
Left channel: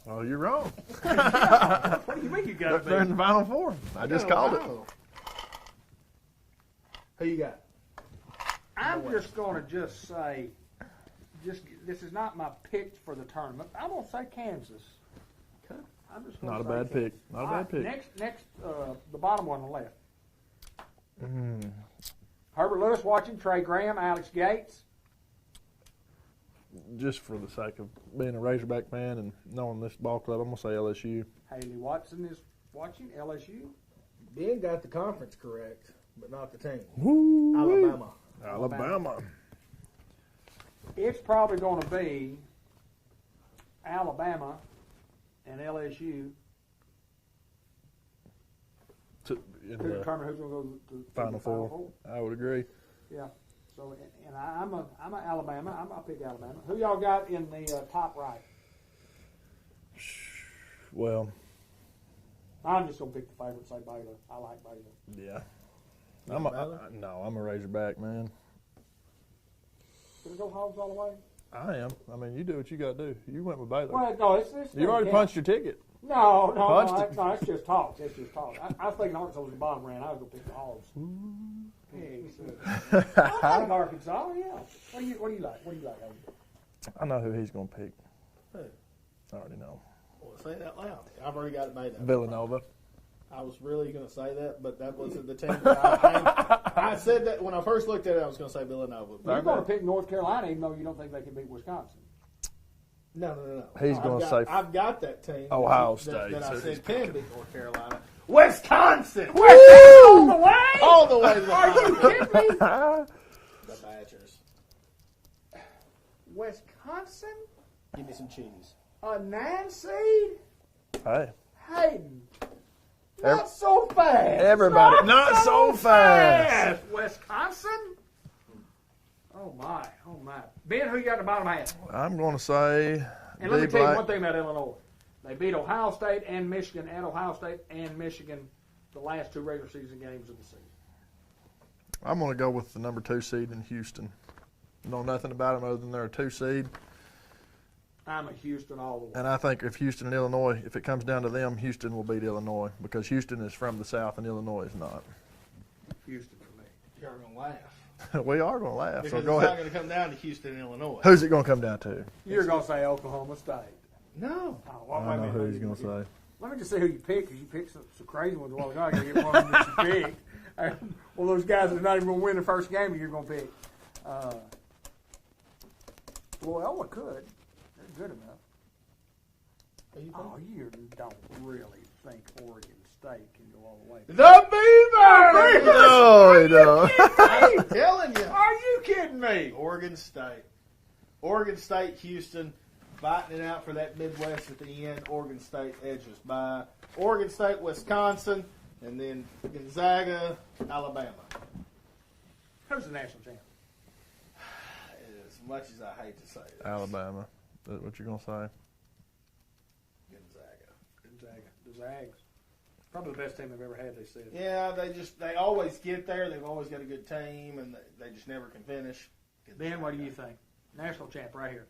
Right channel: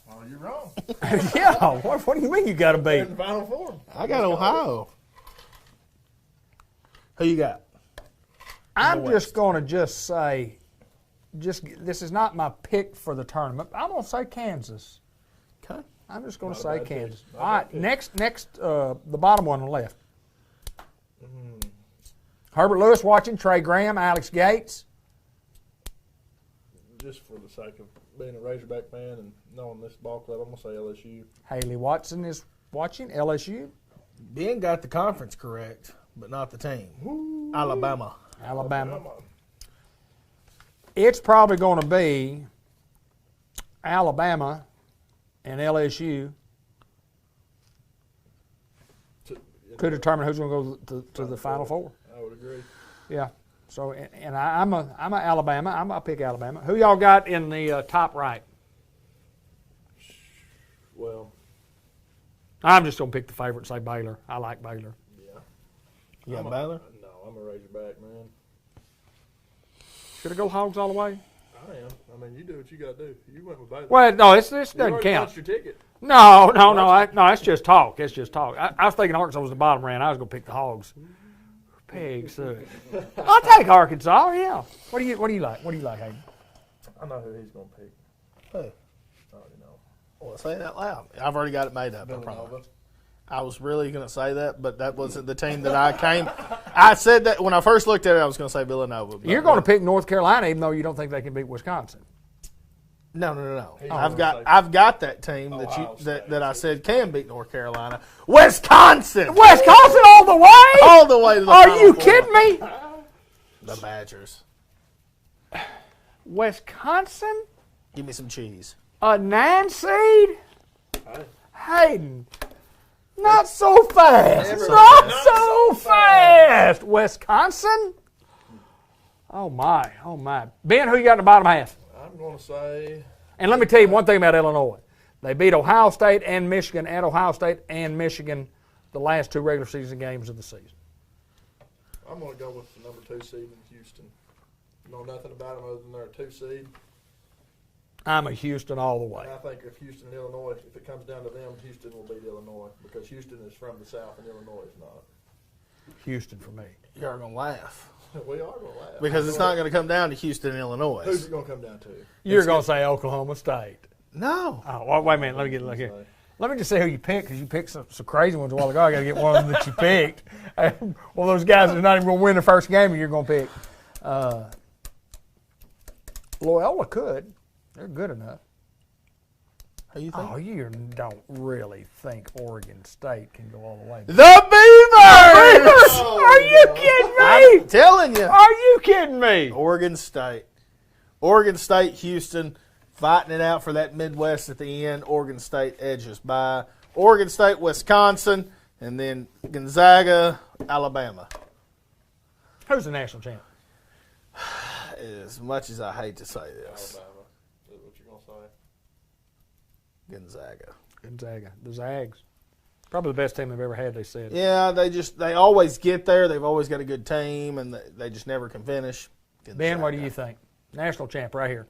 Oh, you're wrong. Yeah, what do you mean you got to They're in beat? the Final Four. I got just called it. Ohio. Who you got? I'm just going to say, this is not my pick for the tournament. I'm going to say Kansas. Okay. I'm just going to Not a say bad pick. Kansas. Not a All bad right, pick. next, the bottom one on the left. Herbert Lewis watching, Trey Graham, Alex Gates. Just for the sake of being a Razorback fan and knowing this ball club, I'm going to say LSU. Haley Watson is watching, LSU. Ben got the conference correct, but not the team. Alabama. Alabama. It's probably going to be Alabama and LSU to determine who's going to go to the Final Four. I would agree. Yeah. So, and I'm a Alabama. I'm gonna pick Alabama. Who y'all got in the top right? Well, I'm just gonna pick the favorite. Say Baylor. I like Baylor. yeah. You got Baylor? No, I'm a Razorback, man. Should I go Hogs all the way? I am. I mean, you do what you got to do. You went with Baylor. Well, no, this you doesn't already count. punched your ticket. No, it's just talk. It's just talk. I was thinking Arkansas was the bottom round. I was gonna pick the Hogs. Pigs. I'll take Arkansas. Yeah. What do you like? What do you like, Hayden? I know who he's going to pick. Who? I already know. Well, say it out loud. I've already got it made up. Villanova. I was really going to say that, but that wasn't the team that I came. I said that when I first looked at it, I was going to say Villanova. You're going to pick North Carolina, even though you don't think they can beat Wisconsin. No. He's I've gonna say got that team Ohio that I State. said can beat North Carolina. Wisconsin All the way? all the way to the Are Final you Four. kidding me? The Badgers. Wisconsin? Give me some cheese. A 9 seed? Hey. Hayden. Not so fast. Everybody. Not so fast. Wisconsin? Oh, my. Ben, who you got in the bottom half? I'm going to say. And let me tell you one thing about Illinois. They beat Ohio State and Michigan at Ohio State and Michigan the last 2 regular season games of the season. I'm going to go with the number 2 seed in Houston. Know nothing about them other than they're a 2 seed. I'm a Houston all the way. And I think if Houston and Illinois, if it comes down to them, Houston will beat Illinois because Houston is from the South and Illinois is not. Houston for me. You're going to laugh. We are going to laugh. Because it's not going to come down to Houston and Illinois. Who's it going to come down to? You're going to say Oklahoma State. No. Oh, well, wait a minute. Let me look here. Let me just say who you picked, because you picked some crazy ones a while ago. I got to get one of them that you picked. Well, those guys are not even going to win the first game, and you're going to pick. Loyola could. They're good enough. Who you think? Oh, you don't really think Oregon State can go all the way. The Beavers! Are you kidding me? I'm telling you. Are you kidding me? Oregon State, Houston, fighting it out for that Midwest at the end. Oregon State edges by. Oregon State, Wisconsin, and then Gonzaga, Alabama. Who's the national champ? As much as I hate to say this. Alabama. Is that what you're going to say? Gonzaga. The Zags. Probably the best team they've ever had, they said. Yeah, they always get there. They've always got a good team, and they just never can finish. Gonzaga. Ben, what do you think? National champ right here.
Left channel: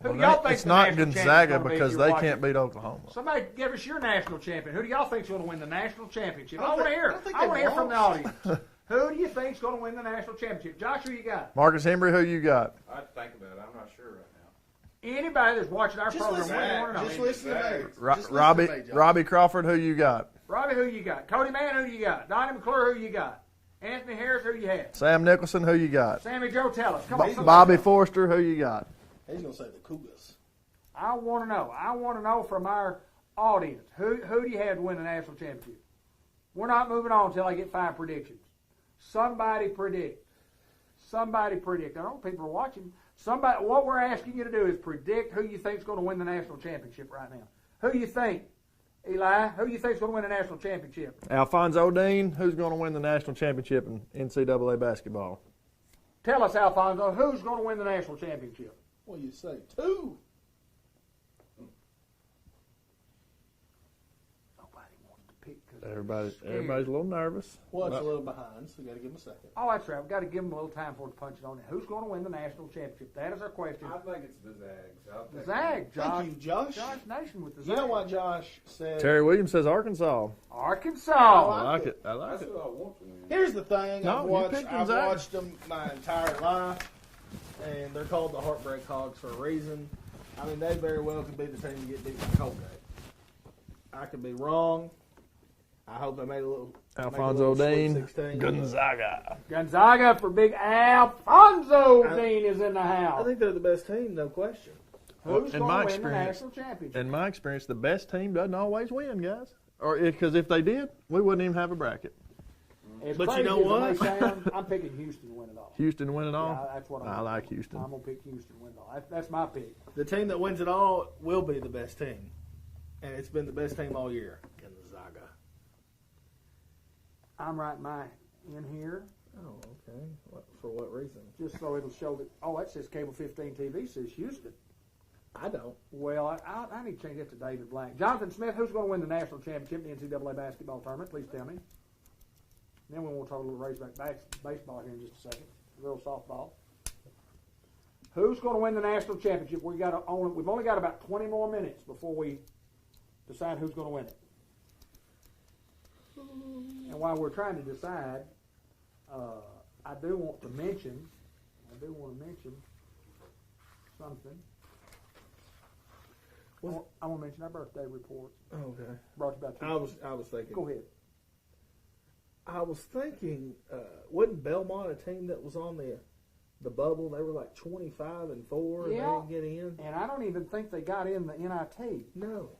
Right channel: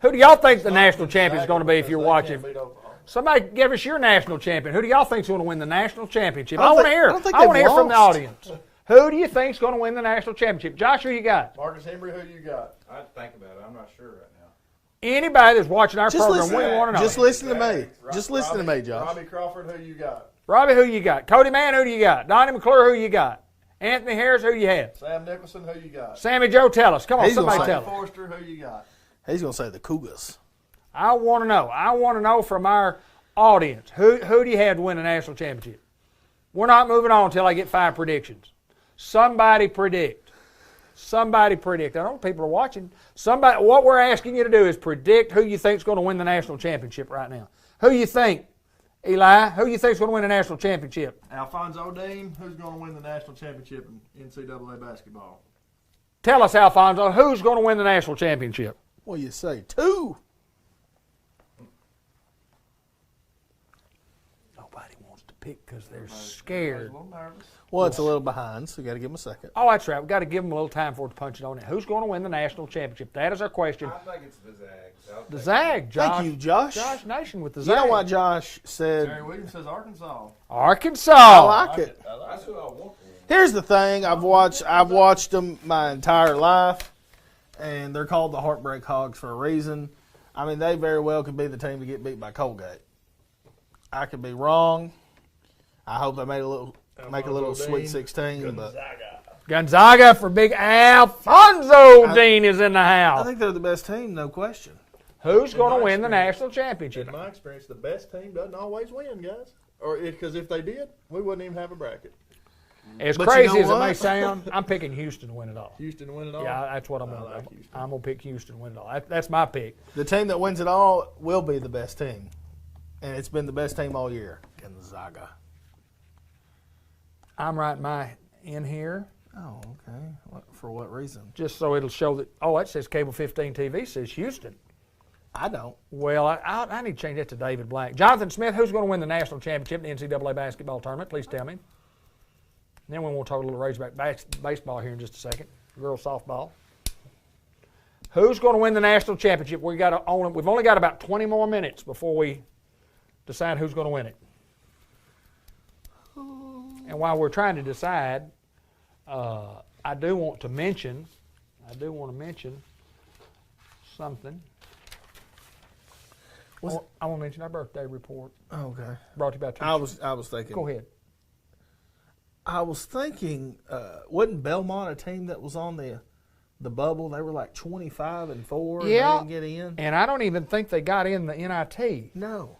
Who do y'all think the national champion is going to be if you're they watching? Can't beat Oklahoma. Somebody give us your national champion. Who do y'all think is going to win the national championship? I I want to hear. don't think I want to they've hear from the lost. audience. Who do you think is going to win the national championship? Josh, who you got? Marcus Hembry, who you got? I think about it. I'm not sure right now. Anybody that's watching our program, we want to know. Just listen to me. Just listen to me, Josh. Robbie Crawford, who you got? Robbie, who you got? Cody Mann, who do you got? Donnie McClure, who you got? Anthony Harris, who you have? Sam Nicholson, who you got? Sammy Joe, tell us. Come on, He's somebody Bobby tell us. Forster, who you got? He's going to say the Cougars. I want to know. I want to know from our audience. Who do you have to win the national championship? We're not moving on until I get 5 predictions. Somebody predict. Somebody predict. I know people are watching. Somebody. What we're asking you to do is predict who you think is going to win the national championship right now. Who you think, Eli? Who you think is going to win the national championship? Alphonso Dean, who's going to win the national championship in NCAA basketball? Tell us, Alfonso, who's going to win the national championship? What do you say? 2. Nobody wants to pick because they're Everybody's scared. a little nervous. Well, it's a little behind, so you got to give them a second. Oh, that's right. We've got to give them a little time for it to punch it on it. Who's going to win the national championship? That is our question. I think it's the Zags. The Zag, Josh. Thank you, Josh. Josh Nation with the You Zag. know why Josh said Terry Williams says Arkansas. Arkansas. I like it. I like That's it. who I want to win. Here's the thing. No, I've you watched picked I've the Zags. watched them my entire life, and they're called the Heartbreak Hogs for a reason. I mean, they very well could be the team to get beat by Colgate. I could be wrong. I hope they make a little Alfonso Sweet Dean, 16. but Gonzaga. Gonzaga for big Alfonso Dean is in the I house. think they're the best team, no question. Who's In going my to win the experience- national championship? In my experience, the best team doesn't always win, guys. Or because if they did, we wouldn't even have a bracket. As But you crazy know as it what? may sound, I'm picking Houston to win it all. Houston win it all. Yeah, that's what I'm I going to like Houston. I'm going to pick Houston to win it all. That's my pick. The team that wins it all will be the best team, and it's been the best team all year. Gonzaga. I'm writing my in here Oh, okay. For what reason? just so it'll show that, oh, that says Cable 15 TV says Houston. I don't. Well, I need to change that to David Black. Jonathan Smith, who's going to win the national championship in the NCAA basketball tournament? Please tell me. Then we want to talk a little Razorback baseball here in just a second. Girls softball. Who's going to win the national championship? We've only got about 20 more minutes before we decide who's going to win it. And while we're trying to decide, I do want to mention something. I want to mention our birthday report Okay. brought to you by two. I was thinking. Go ahead. I was thinking, wasn't Belmont a team that was on the bubble? They were like 25-4. And Yeah. they didn't get in. And I don't even think they got in the NIT. No.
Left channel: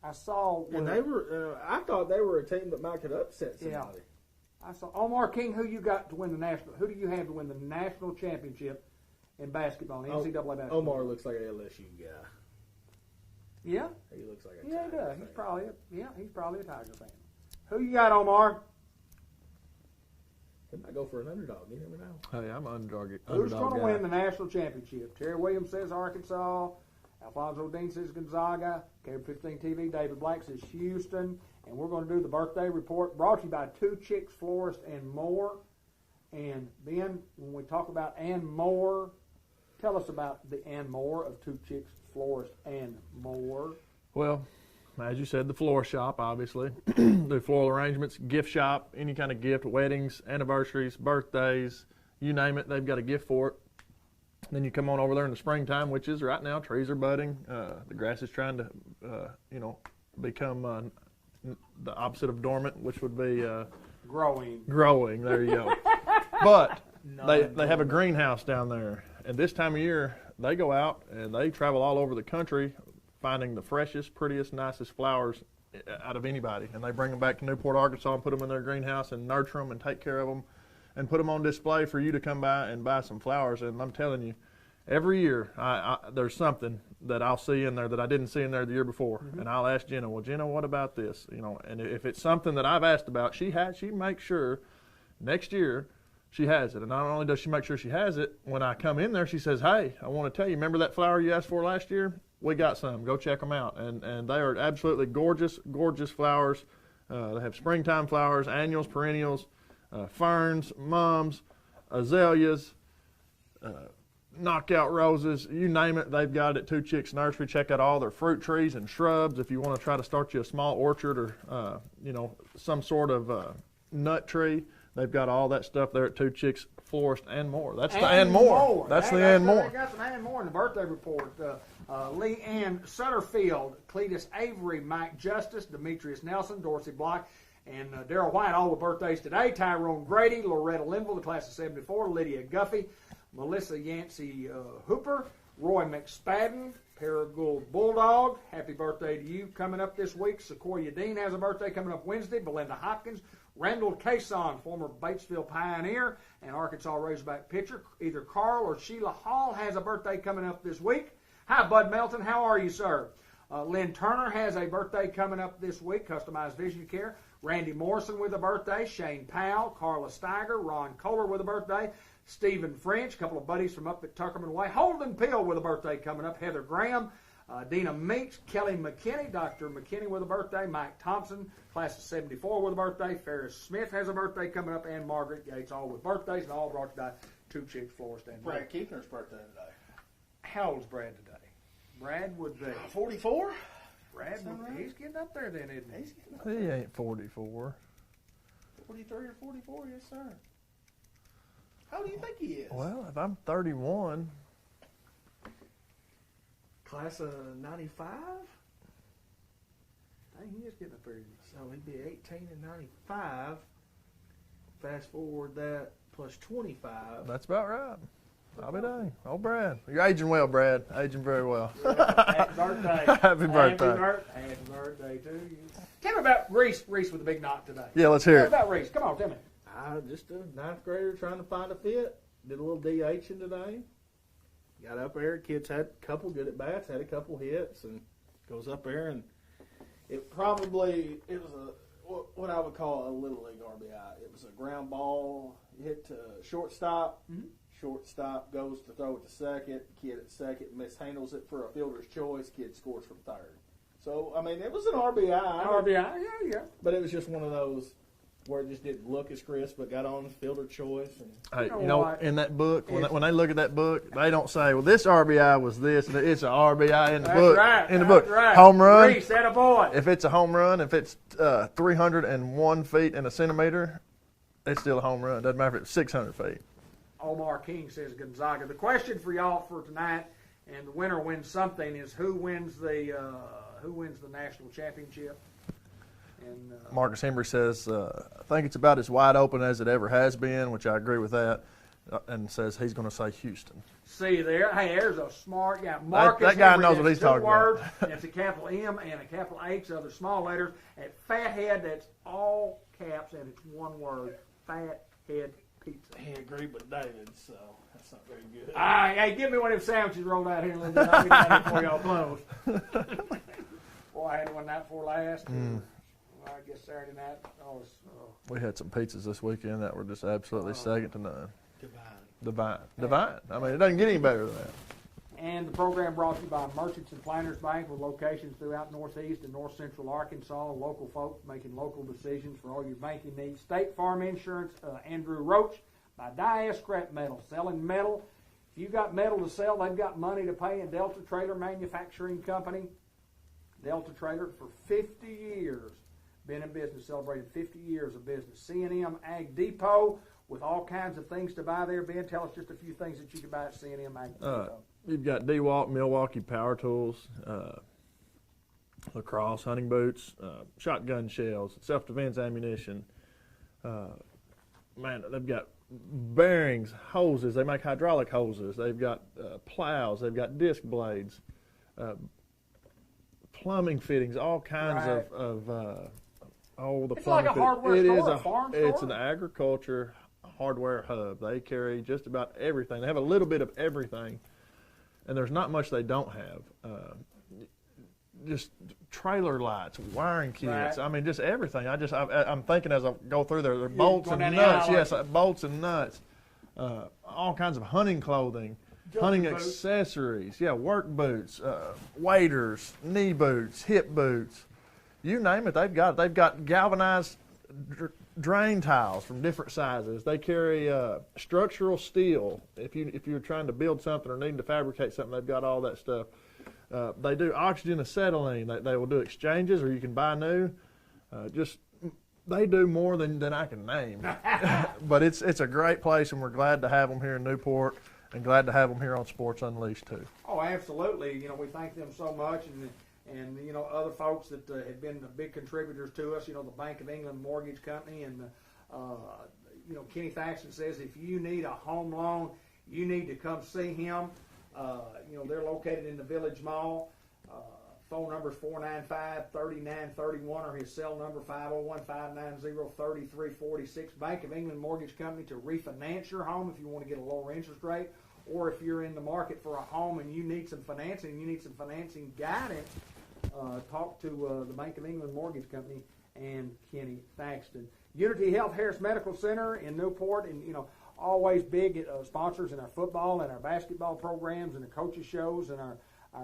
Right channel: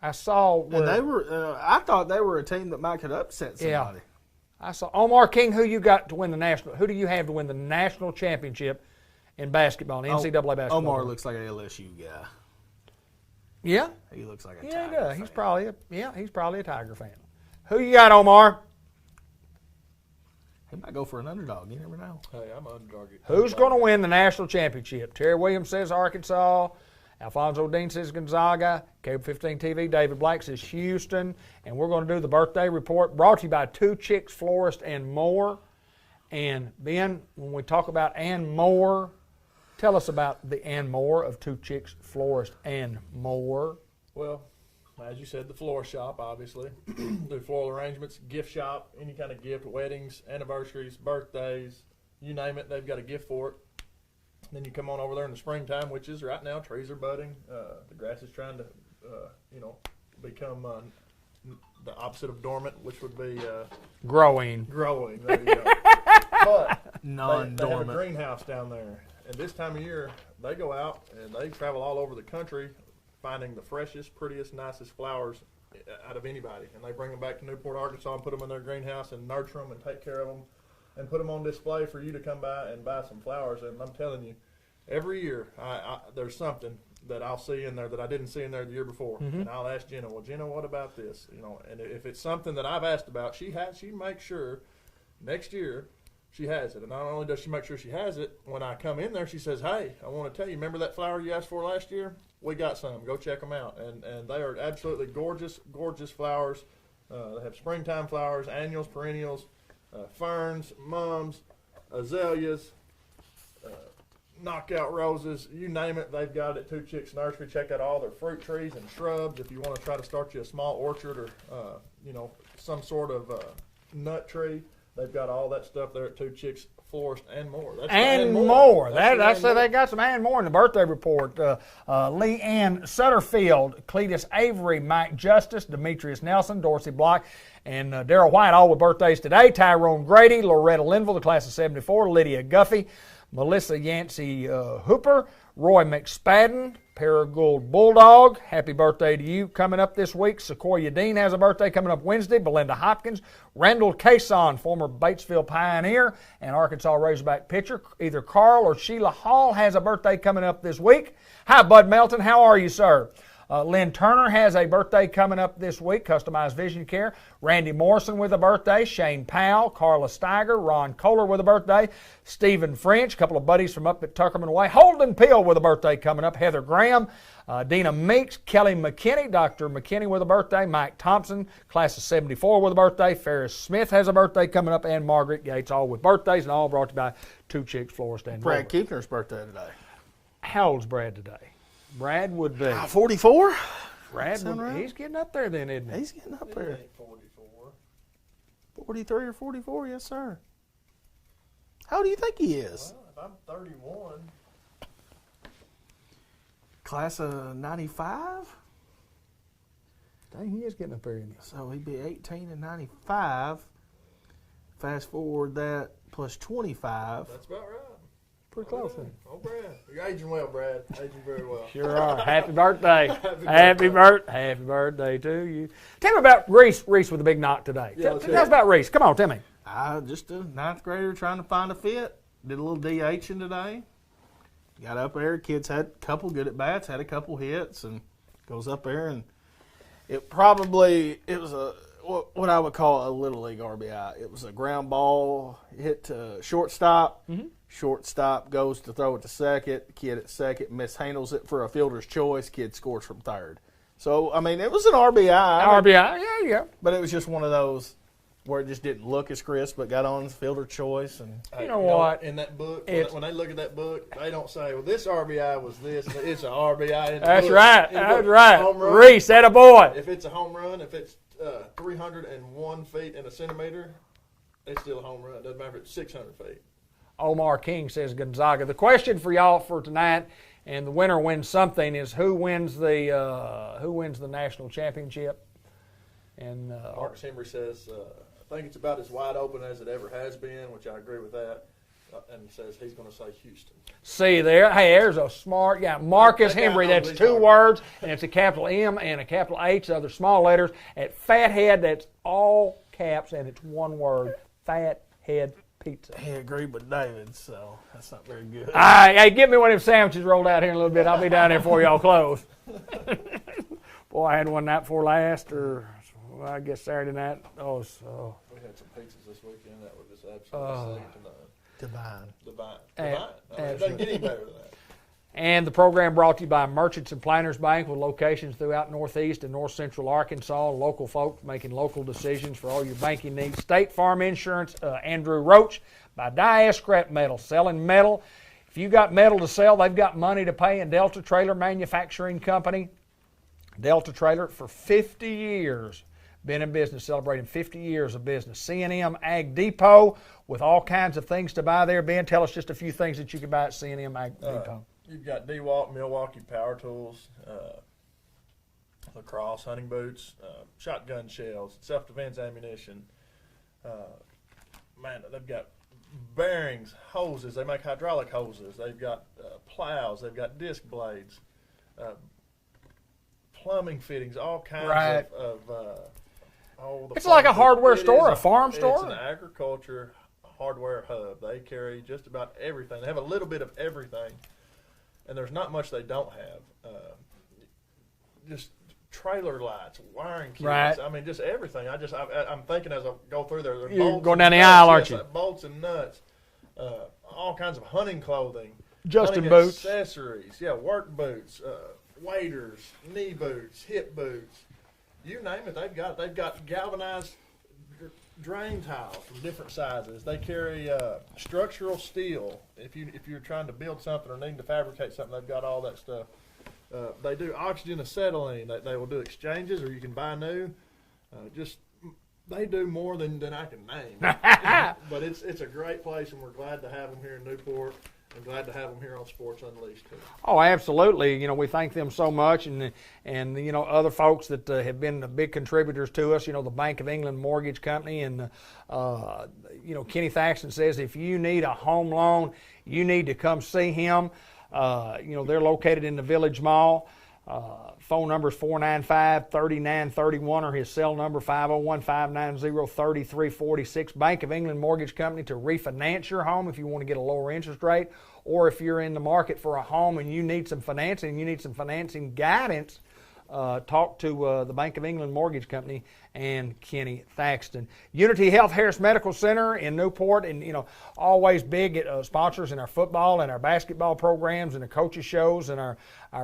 I saw where And they were. I thought they were a team that might could upset somebody. I saw Omar King. Who you got to win the national? Who do you have to win the national championship in basketball, in NCAA basketball? Omar looks like an LSU guy. Yeah, He looks like a yeah, he Tiger does. fan. He's probably a Tiger fan. Who you got, Omar? He might go for an underdog. You never know. Hey, I'm underdog. Who's going to win the national championship? Terry Williams says Arkansas. Alfonso Dean says Gonzaga. Cable 15 TV, David Black says Houston. And we're going to do the birthday report brought to you by Two Chicks Florist and More. And Ben, when we talk about and more, tell us about the and more of Two Chicks Florist and More. Well, as you said, the floral shop, obviously. The floral arrangements, gift shop, any kind of gift, weddings, anniversaries, birthdays, you name it, they've got a gift for it. Then you come on over there in the springtime, which is right now, trees are budding. The grass is trying to, become the opposite of dormant, which would be Growing. growing. There you go. But they have a Non-dormant. greenhouse down there. And this time of year, they go out and they travel all over the country finding the freshest, prettiest, nicest flowers out of anybody. And they bring them back to Newport, Arkansas and put them in their greenhouse and nurture them and take care of them and put them on display for you to come by and buy some flowers. And I'm telling you, every year there's something that I'll see in there that I didn't see in there the year before. Mm-hmm. And I'll ask Jenna, well, Jenna, what about this? And if it's something that I've asked about, she makes sure next year she has it. And not only does she make sure she has it, when I come in there, she says, hey, I want to tell you, remember that flower you asked for last year? We got some. Go check them out. And they are absolutely gorgeous, gorgeous flowers. They have springtime flowers, annuals, perennials, ferns, mums, azaleas, knockout roses, you name it, they've got it at Two Chicks Nursery. Check out all their fruit trees and shrubs if you want to try to start you a small orchard or, some sort of nut tree. They've got all that stuff there at Two Chicks Florist and More. That's the And more. That's the and So they more. got some and more in the birthday report. Lee Ann Sutterfield, Cletus Avery, Mike Justice, Demetrius Nelson, Dorsey Block, and Darrell White, all with birthdays today. Tyrone Grady, Loretta Linville, the class of '74, Lydia Guffey, Melissa Yancey Hooper, Roy McSpadden, Paragould Bulldog, happy birthday to you coming up this week. Sequoia Dean has a birthday coming up Wednesday. Belinda Hopkins, Randall Cason, former Batesville Pioneer and Arkansas Razorback pitcher. Either Carl or Sheila Hall has a birthday coming up this week. Hi, Bud Melton. How are you, sir? Lynn Turner has a birthday coming up this week, Customized Vision Care. Randy Morrison with a birthday. Shane Powell, Carla Steiger, Ron Kohler with a birthday. Stephen French, a couple of buddies from up at Tuckerman Way. Holden Peel with a birthday coming up. Heather Graham, Dina Meeks, Kelly McKinney, Dr. McKinney with a birthday. Mike Thompson, class of 74 with a birthday. Ferris Smith has a birthday coming up. And Margaret Gates, all with birthdays, and all brought to you by Two Chicks Florist and Brad Keepner's birthday today. How old's Brad today? Brad would be 44. Brad would, he's getting up there then, isn't he? He's getting up He there. ain't 44. 43 or 44, yes, sir. How do you think he is? Well, if I'm 31, Class of 95? Dang, he is getting up there, isn't he? So he'd be 18 and 95. Fast forward that plus 25. that's about right. Pretty Happy close. day. Oh, Brad. You're aging well, Brad. Aging very well. Sure are. Happy birthday. Happy birthday. Happy birthday to you. Tell me about Reese with a big knock today. Yeah, let's Tell hear us it. about Reese. Come on, tell me. Just a ninth grader trying to find a fit. Did a little DHing today. Got up there. Kids had a couple good at bats, had a couple hits, and goes up there and it was a what I would call a little league RBI. It was a ground ball hit to shortstop. Mm-hmm. Shortstop goes to throw it to second. Kid at second mishandles it for a fielder's choice. Kid scores from third. So I mean, it was an RBI. RBI, yeah. But it was just one of those where it just didn't look as crisp, but got on fielder choice. And Hey, You know what? In that book, It's- when they look at that book, they don't say, well, this RBI was this. It's an RBI in the That's book. right. In the That's book. right. Home run. Reese, that a boy. If it's a home run, if it's 301 feet and a centimeter, it's still a home run. Doesn't matter if it's 600 feet. Omar King says Gonzaga. The question for y'all for tonight, and the winner wins something, is who wins the national championship? And Marcus Henry says, I think it's about as wide open as it ever has been, which I agree with that, and says he's going to say Houston. see there, hey, there's a smart guy. Marcus That guy Henry, knows what that's he's two talking words, and it's a capital M and a capital H, other small letters. At Fathead, that's all caps, and it's one word, Fathead Pizza. he agreed with David, so that's not very good. Hey, get me one of them sandwiches rolled out here in a little bit. I'll be down there before y'all close. Boy, I had one night before last, or well, I guess Saturday night. Oh, so We had some pizzas this weekend that were just absolutely second to none. Divine. Divine. I mean, it doesn't get any better than that. And the program brought to you by Merchants and Planners Bank with locations throughout Northeast and North Central Arkansas. Local folks making local decisions for all your banking needs. State Farm Insurance, Andrew Roach by Dia Scrap Metal, selling metal. If you got metal to sell, they've got money to pay in Delta Trailer Manufacturing Company. Delta Trailer for 50 years. Been in business, celebrating 50 years of business. C&M Ag Depot with all kinds of things to buy there. Ben, tell us just a few things that you can buy at C&M Ag Depot. You've got DeWalt, Milwaukee Power Tools, lacrosse, hunting boots, shotgun shells, self-defense ammunition. Man, they've got bearings, hoses. They make hydraulic hoses. They've got plows. They've got disc blades, plumbing fittings, all kinds of all the. It's like a hardware It store, is a farm store. It's an agriculture hardware hub. They carry just about everything. They have a little bit of everything, and there's not much they don't have. Just trailer lights, wiring kits. Right. I mean, just everything. I'm thinking as I go through there. They're You're bolts going and down the nuts. aisle, aren't Yes, you? like bolts and nuts. All kinds of hunting clothing. Justin hunting boots. accessories. Yeah, work boots, waders, knee boots, hip boots. You name it, they've got it. They've got galvanized drain tiles from different sizes. They carry structural steel. If you're trying to build something or needing to fabricate something, they've got all that stuff. They do oxygen acetylene. They will do exchanges, or you can buy new. They do more than I can name. But it's a great place, and we're glad to have them here in Newport, and glad to have them here on Sports Unleashed too. Oh, absolutely. You know, we thank them so much, and you know, other folks that have been big contributors to us. You know, the Bank of England Mortgage Company, and you know, Kenny Thaxton says if you need a home loan, you need to come see him. They're located in the Village Mall. Phone number is 495-3931 or his cell number 501-590-3346. Bank of England Mortgage Company to refinance your home if you want to get a lower interest rate, or if you're in the market for a home and you need some financing, you need some financing guidance, talk to the Bank of England Mortgage Company and Kenny Thaxton. Unity Health Harris Medical Center in Newport, and always big sponsors in our football and our basketball programs and the coaches shows and our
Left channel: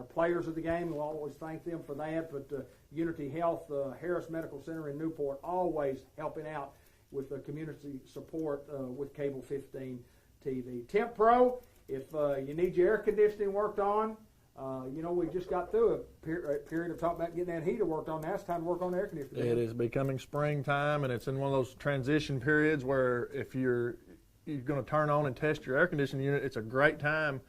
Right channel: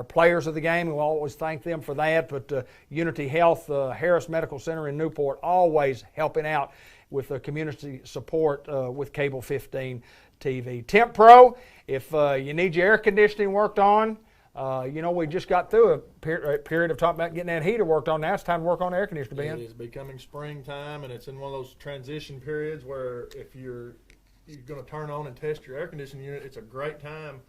players of the game. We'll always thank them for that. But Unity Health Harris Medical Center in Newport always helping out with community support with Cable 15 TV. Temp Pro, if you need your air conditioning worked on. We just got through a period of talking about getting that heater worked on. Now it's time to work on the air conditioner, Ben. It is becoming springtime, and it's in one of those transition periods where if you're going to turn on and test your air conditioning unit, it's a great time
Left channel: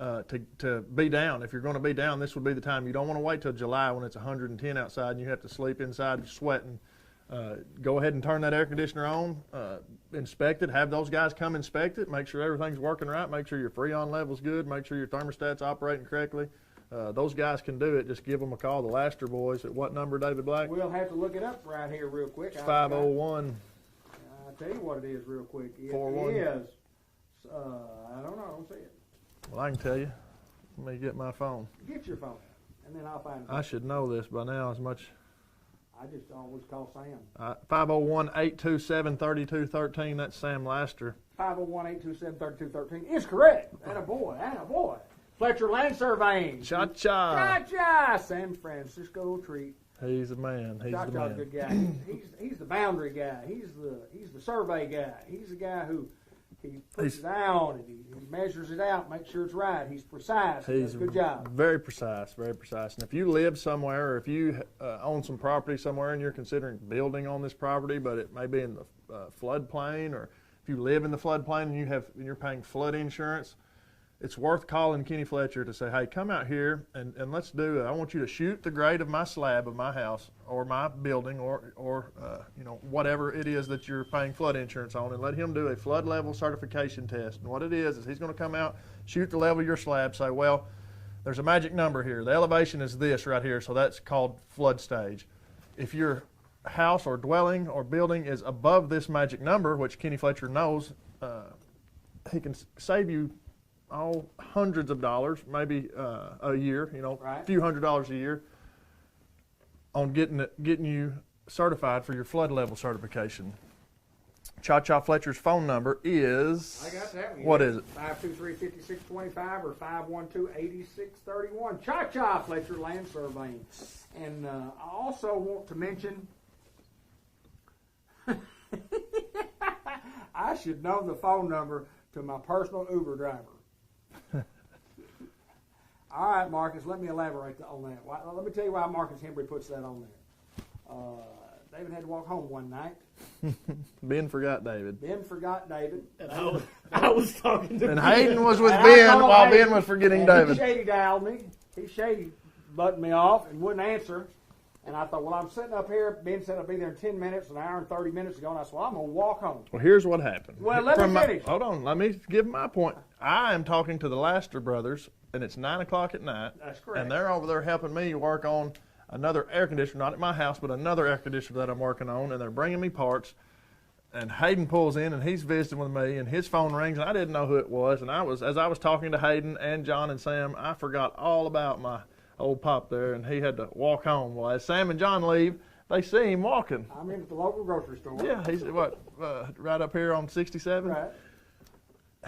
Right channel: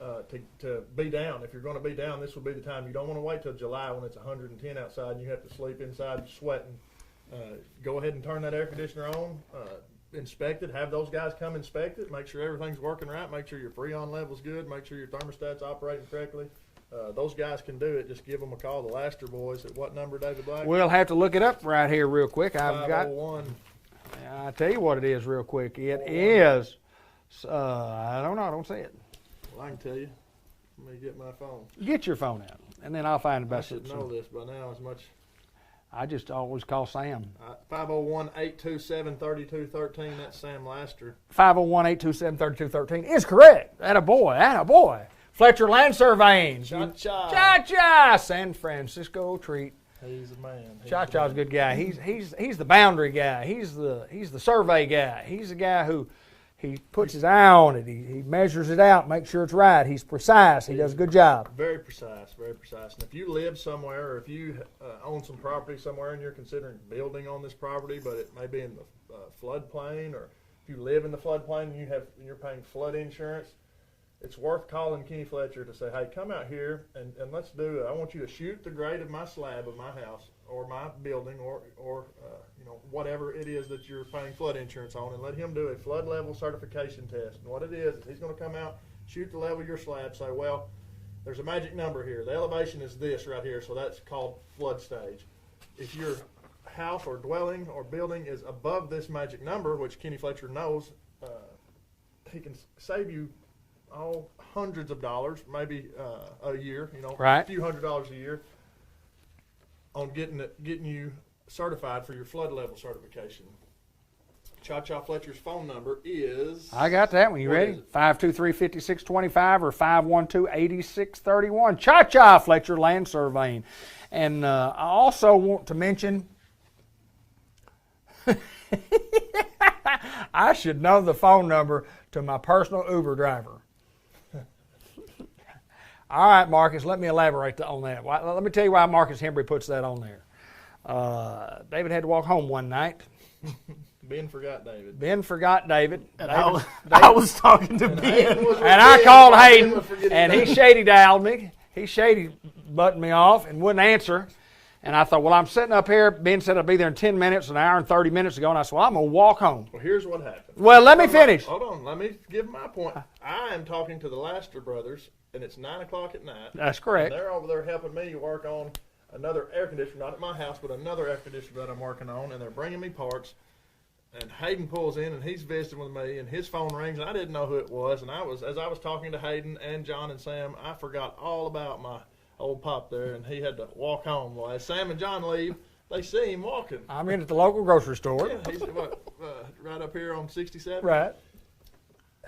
to be down. If you're going to be down, this would be the time. You don't want to wait till July when it's 110 outside and you have to sleep inside sweating. Go ahead and turn that air conditioner on. Inspect it, have those guys come inspect it, make sure everything's working right, make sure your Freon level's good, make sure your thermostat's operating correctly. Those guys can do it. Just give them a call, the Laster boys. At what number, David Black? We'll have to look it up right here real quick. 501. I'll tell you what it is real quick. It is, I don't know, I don't see it. Well, I can tell you. Let me get my phone. Get your phone out, and then I'll find it. I should know this by now as much. I just always call Sam. 501-827-3213. That's Sam Laster. 501-827-3213 is correct. Attaboy. Fletcher Land Surveying. Cha-cha. Cha-cha. San Francisco treat. He's a man. Cha-cha's a good guy. He's the boundary guy. He's the survey guy. He's the guy who he puts his eye on it. He measures it out, makes sure it's right. He's precise. He does a good job. Very precise, very precise. And if you live somewhere, or if you own some property somewhere and you're considering building on this property, but it may be in the floodplain, or if you live in the floodplain and you're paying flood insurance, it's worth calling Kenny Fletcher to say, hey, come out here and let's do it. I want you to shoot the grade of my slab of my house or my building or whatever it is that you're paying flood insurance on, and let him do a flood level certification test. And what it is he's going to come out, shoot the level of your slab, say, well, there's a magic number here. The elevation is this right here, so that's called flood stage. If your house or dwelling or building is above this magic number, which Kenny Fletcher knows, he can save you hundreds of dollars, maybe a year, right. A few $100s a year on getting you certified for your flood level certification. Cha-Cha Fletcher's phone number is... I got that one. You ready? What is it? 523-5625 or 512-8631. Cha-Cha Fletcher Land Surveying. And I also want to mention... I should know the phone number to my personal Uber driver. All right, Marcus, let me elaborate on that. Let me tell you why Marcus Hembry puts that on there. David had to walk home one night. Ben forgot David. And I was talking to Ben. Hayden was with and Ben. I called Ben Hayden, was forgetting and David. he shady dialed me. He shady buttoned me off and wouldn't answer. And I thought, well, I'm sitting up here. Ben said I'd be there in 10 minutes, an hour and 30 minutes ago. And I said, well, I'm going to walk home. Well, here's what happened. Well, let me finish. Hold on. Let me give my point. I am talking to the Laster brothers, and it's 9 o'clock at night. That's correct. And they're over there helping me work on another air conditioner, not at my house, but another air conditioner that I'm working on, and they're bringing me parts. And Hayden pulls in, and he's visiting with me, and his phone rings, and I didn't know who it was. And as I was talking to Hayden and John and Sam, I forgot all about my old pop there, and he had to walk home. Well, as Sam and John leave, they see him walking. I'm in at the local grocery store. Yeah, he's right up here on 67. Right.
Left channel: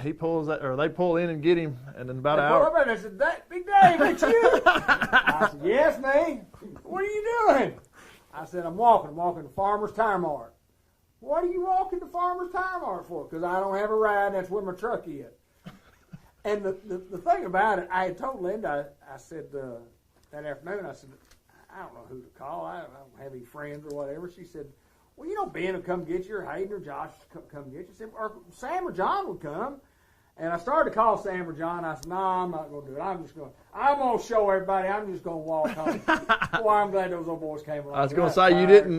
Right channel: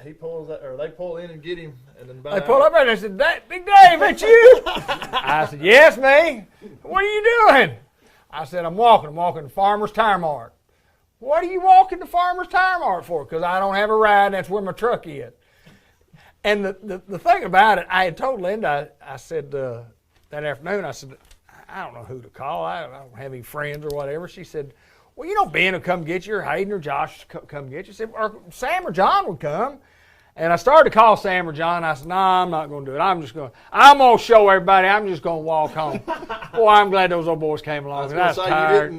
He pulls that, or they pull in and get him, and then They pull up and they said, Big Dave, it's you? I said, yes, me. What are you doing? I said, I'm walking to Farmer's Tire Mart. What are you walking to Farmer's Tire Mart for? Because I don't have a ride, and that's where my truck is. And the thing about it, I had told Linda, I said that afternoon, I said, I don't know who to call. I don't have any friends or whatever. She said, well, Ben will come get you, or Hayden or Josh will come get you. She said, or Sam or John would come. And I started to call Sam or John. I said, no, I'm not going to do it. I'm going to show everybody. I'm just going to walk home. Boy, I'm glad those old boys came along. I was going to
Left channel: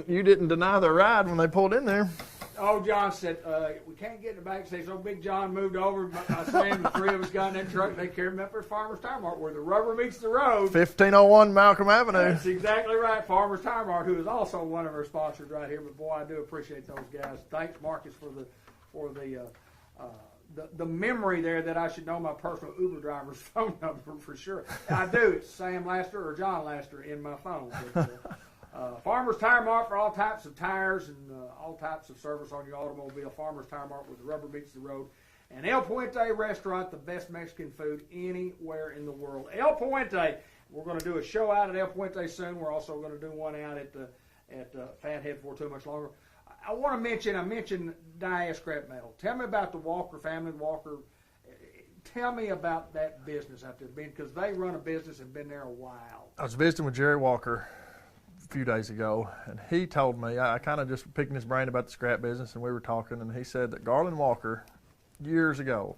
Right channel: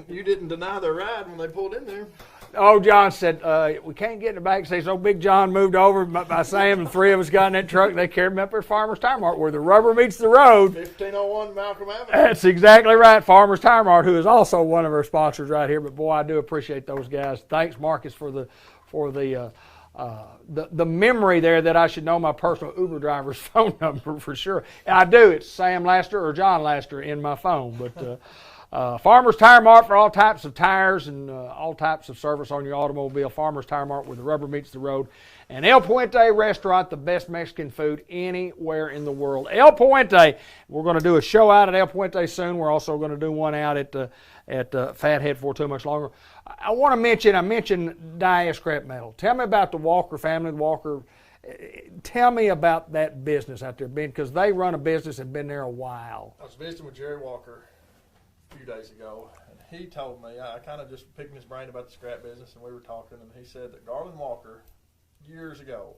say, you didn't deny the ride when they pulled in there. old John said, we can't get in the back seat. So Big John moved over by Sam. The three of us got in that truck. They carried me up at Farmer's Tire Mart where the rubber meets the road. 1501 Malcolm Avenue. That's exactly right. Farmer's Tire Mart, who is also one of our sponsors right here. But boy, I do appreciate those guys. Thanks, Marcus, for the memory there that I should know my personal Uber driver's phone number for sure. I do. It's Sam Laster or John Laster in my phone. But Farmer's Tire Mart for all types of tires and all types of service on your automobile. Farmer's Tire Mart where the rubber meets the road. And El Puente Restaurant, the best Mexican food anywhere in the world. El Puente, we're going to do a show out at El Puente soon. We're also going to do one out at Fathead for too much longer. I mentioned die scrap metal. Tell me about the Walker family, Tell me about that business out there, because they run a business and been there a while. I was visiting with Jerry Walker a few days ago, and he told me, I kind of just picking his brain about the scrap business, and we were talking, and he said that Garland Walker, years ago,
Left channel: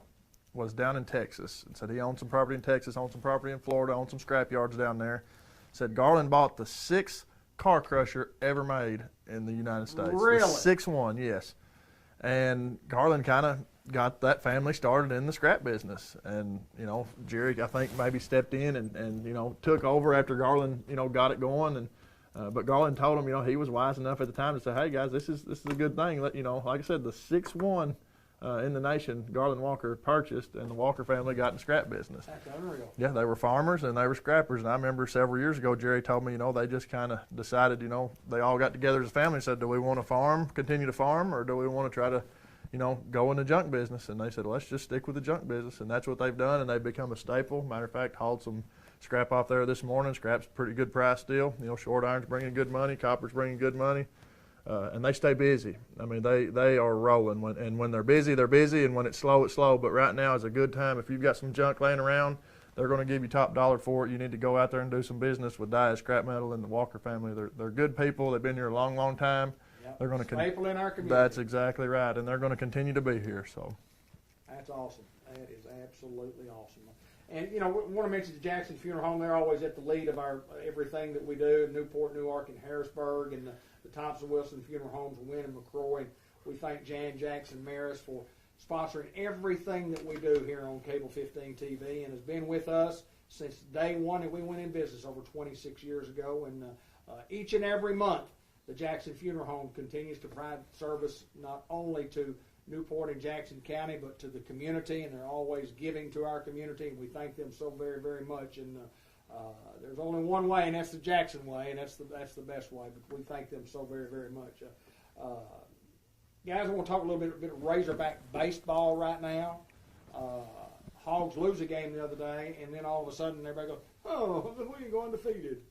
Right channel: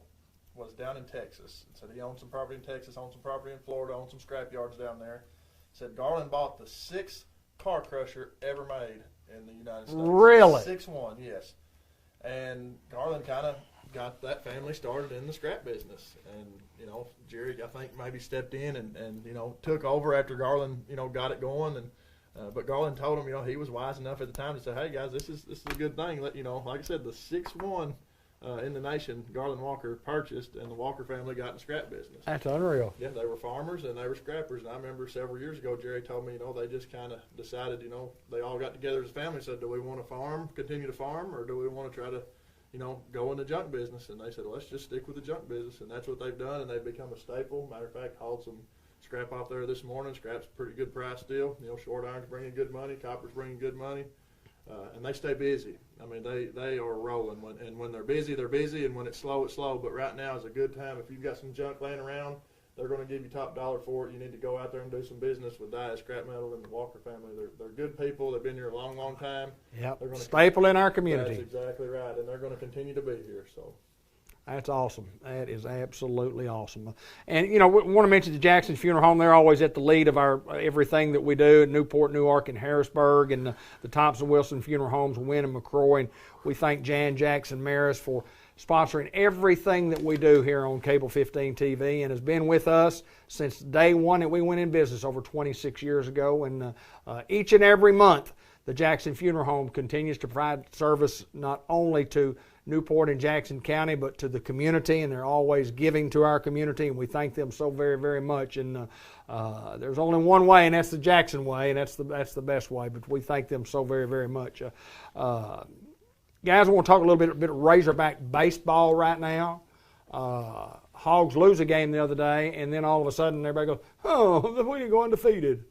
was down in Texas, and said he owned some property in Texas, owned some property in Florida, owned some scrap yards down there. Said Garland bought the 6th car crusher ever made in the United States. Really? 6-1, yes. And Garland kind of got that family started in the scrap business. And, Jerry, I think, maybe stepped in and took over after Garland, got it going. And but Garland told him, he was wise enough at the time to say, hey, guys, this is a good thing. Like I said, the 6-1 in the nation, Garland Walker purchased, and the Walker family got in the scrap business. That's unreal. Yeah, they were farmers and they were scrappers. And I remember several years ago, Jerry told me, they just kind of decided, they all got together as a family and said, do we want to continue to farm, or do we want to try to, go in the junk business? And they said, let's just stick with the junk business. And that's what they've done, and they've become a staple. Matter of fact, hauled some scrap off there this morning. Scrap's a pretty good price still. Short iron's bringing good money, copper's bringing good money. And they stay busy. I mean, they are rolling. When they're busy, and when it's slow, it's slow. But right now is a good time. If you've got some junk laying around, they're going to give you top dollar for it. You need to go out there and do some business with Dia Scrap Metal and the Walker family. They're good people. They've been here a long, long time. Yep. They're going to staple in our community. That's exactly right, and they're going to continue to be here. So. That's awesome. That is absolutely awesome. And, we want to mention the Jackson Funeral Home. They're always at the lead of our everything that we do at Newport, Newark, and Harrisburg, and the Thompson-Wilson Funeral Homes, Wynn and McCroy. And we thank Jan Jackson Maris for sponsoring everything that we do here on Cable 15 TV, and has been with us since day one that we went in business over 26 years ago. And each and every month, the Jackson Funeral Home continues to provide service not only to Newport and Jackson County, but to the community, and they're always giving to our community, and we thank them so very, very much. And there's only one way, and that's the Jackson way, and that's the best way. But we thank them so very, very much. Guys, I want to talk a little bit of Razorback baseball right now. Hogs lose a game the other day, and then all of a sudden everybody goes, "Oh, we are going undefeated."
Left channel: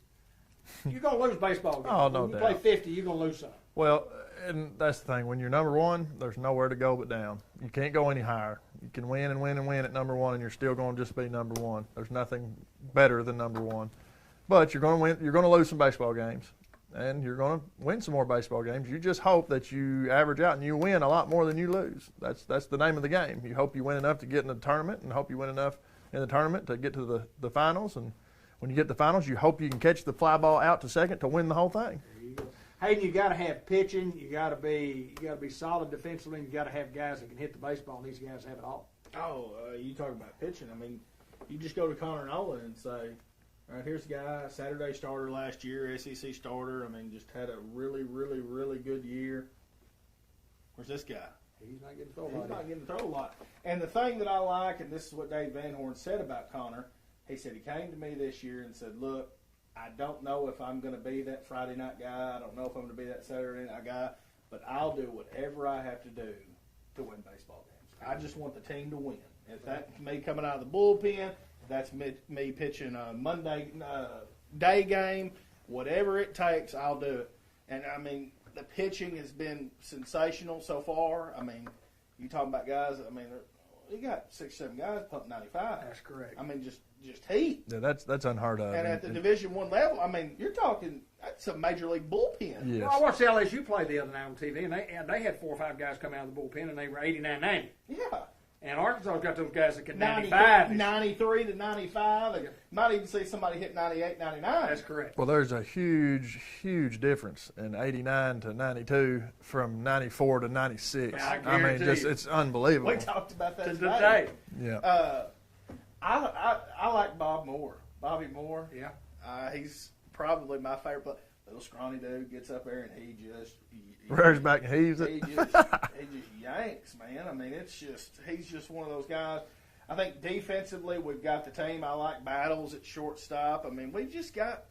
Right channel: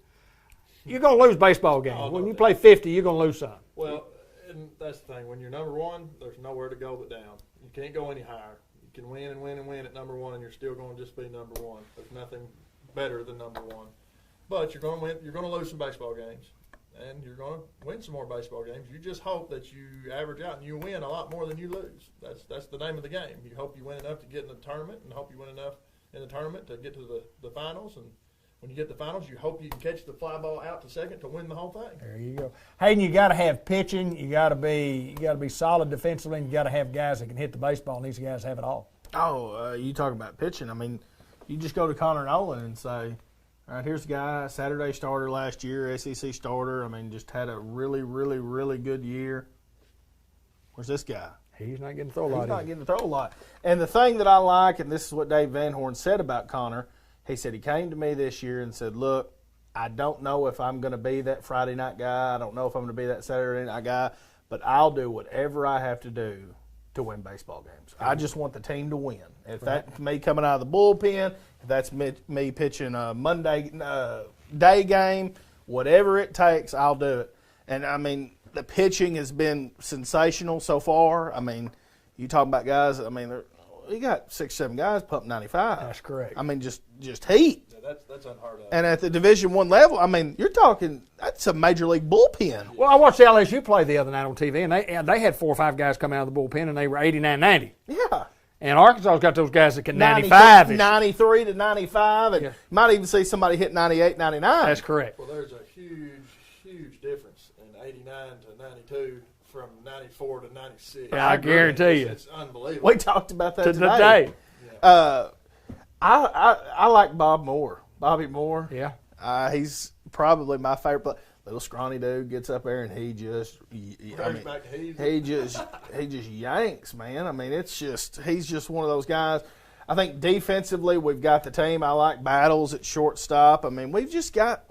You're going to lose baseball games. Oh, no when you doubt. play 50, you're going to lose some. Well, and that's the thing. When you're number one, there's nowhere to go but down. You can't go any higher. You can win and win and win at number one, and you're still going to just be number one. There's nothing better than number one. But you're going to win. You're going to lose some baseball games, and you're going to win some more baseball games. You just hope that you average out and you win a lot more than you lose. That's the name of the game. You hope you win enough to get in the tournament, and hope you win enough in the tournament to get to the finals. And when you get to the finals, you hope you can catch the fly ball out to second to win the whole thing. There you go. Hayden, you got to have pitching. You got to be solid defensively. And you got to have guys that can hit the baseball, and these guys have it all. Oh, you talk about pitching. I mean, you just go to Connor Nolan and say, all right, here's the guy, Saturday starter last year, SEC starter. I mean, just had a really, really, really good year. Where's this guy? He's not getting to throw a lot. He's not getting to throw a lot. And the thing that I like, and this is what Dave Van Horn said about Connor, he said he came to me this year and said, look, I don't know if I'm going to be that Friday night guy. I don't know if I'm going to be that Saturday night guy, but I'll do whatever I have to do to win baseball games. I just want the team to win. If that's me coming out of the bullpen, if that's me pitching a Monday day game, whatever it takes, I'll do it. And, I mean, the pitching has been sensational so far. I mean, you talking about guys, I mean, you got 6, 7 guys pumping 95. That's correct. I mean, just heat. Yeah, that's unheard of. And at the Division I level, I mean, you're talking, that's a major league bullpen. Yes. Well, I watched LSU play the other night on TV, and they had 4 or 5 guys come out of the bullpen, and they were 89, 90. Yeah. And Arkansas's got those guys that can 95-ish. 93 to 95, and you might even see somebody hit 98, 99. That's correct. Well, there's a huge difference in 89 to 92 from 94 to 96. Yeah, I guarantee you. It's unbelievable. We talked about that today. Yeah. I like Bobby Moore. Yeah. He's probably my favorite player. Little scrawny dude gets up there and he just Razorback heaves it. he just yanks, man. I mean, he's just one of those guys. I think defensively we've got the team. I like Battles at shortstop. I mean, we've just got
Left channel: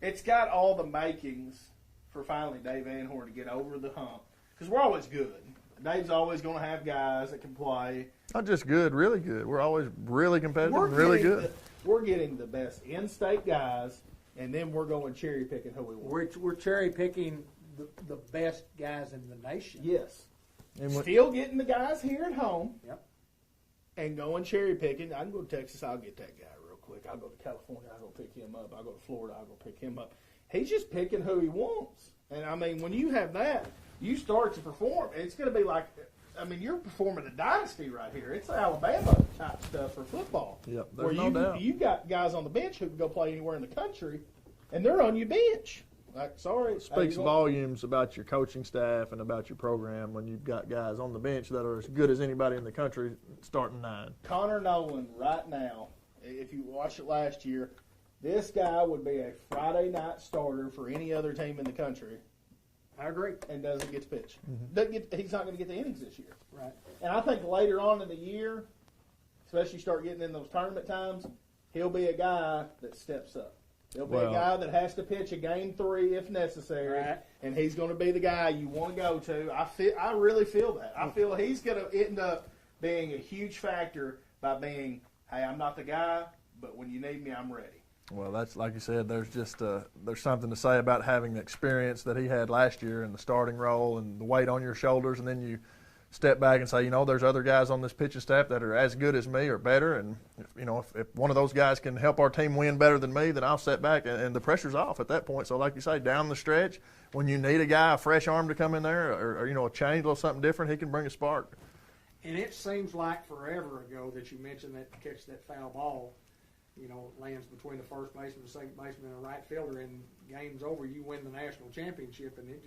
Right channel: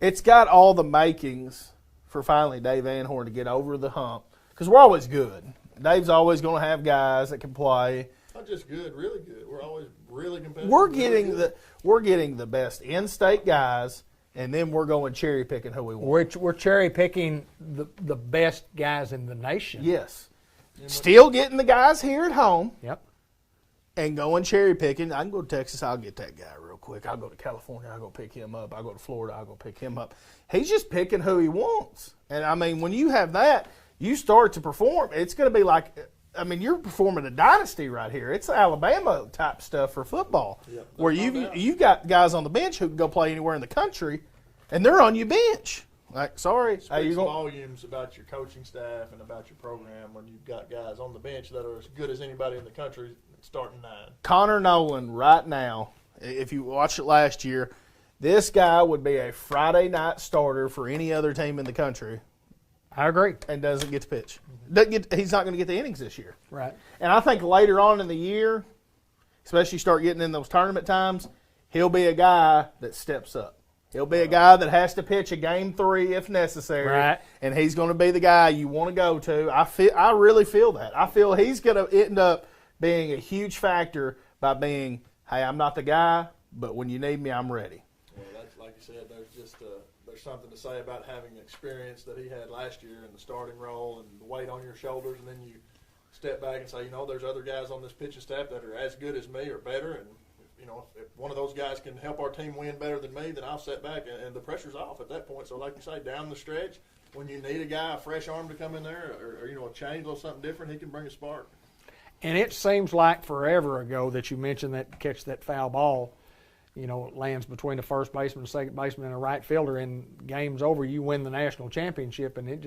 it's got all the makings for finally Dave Van Horn to get over the hump, because we're always good. Dave's always going to have guys that can play. Not just good, really good. We're always really competitive. We're getting the best in-state guys. And then we're going cherry picking who we want. We're cherry picking the best guys in the nation. Yes. Still getting the guys here at home. Yep. And going cherry picking. I can go to Texas, I'll get that guy real quick. I'll go to California, I'll go pick him up. I'll go to Florida, I'll go pick him up. He's just picking who he wants. And I mean, when you have that, you start to perform. It's going to be like, I mean, you're performing a dynasty right here. It's Alabama type stuff for football, where you got guys on the bench who can go play anywhere in the country, and they're on your bench. Like, sorry, speaks volumes about your coaching staff and about your program when you've got guys on the bench that are as good as anybody in the country starting 9. Connor Nolan right now, if you watched it last year, this guy would be a Friday night starter for any other team in the country. I agree. And doesn't get to pitch. He's not going to get the innings this year. Right. And I think later on in the year, especially start getting in those tournament times, he'll be a guy that steps up. He'll be a guy that has to pitch a game 3 if necessary. Right. And he's going to be the guy you want to go to. I really feel that. I feel he's going to end up being a huge factor by being, hey, I'm not the guy, but when you need me, I'm ready. Well, that's like you said. There's just there's something to say about having the experience that he had last year in the starting role and the weight on your shoulders, and then you step back and say, there's other guys on this pitching staff that are as good as me or better, and if one of those guys can help our team win better than me, then I'll step back, and the pressure's off at that point. So, like you say, down the stretch, when you need a guy, a fresh arm to come in there, or a change, a little something different, he can bring a spark. And it seems like forever ago that you mentioned that catch that foul ball. It lands between the first baseman, the second baseman, and the right fielder, and game's over. You win the national championship, and it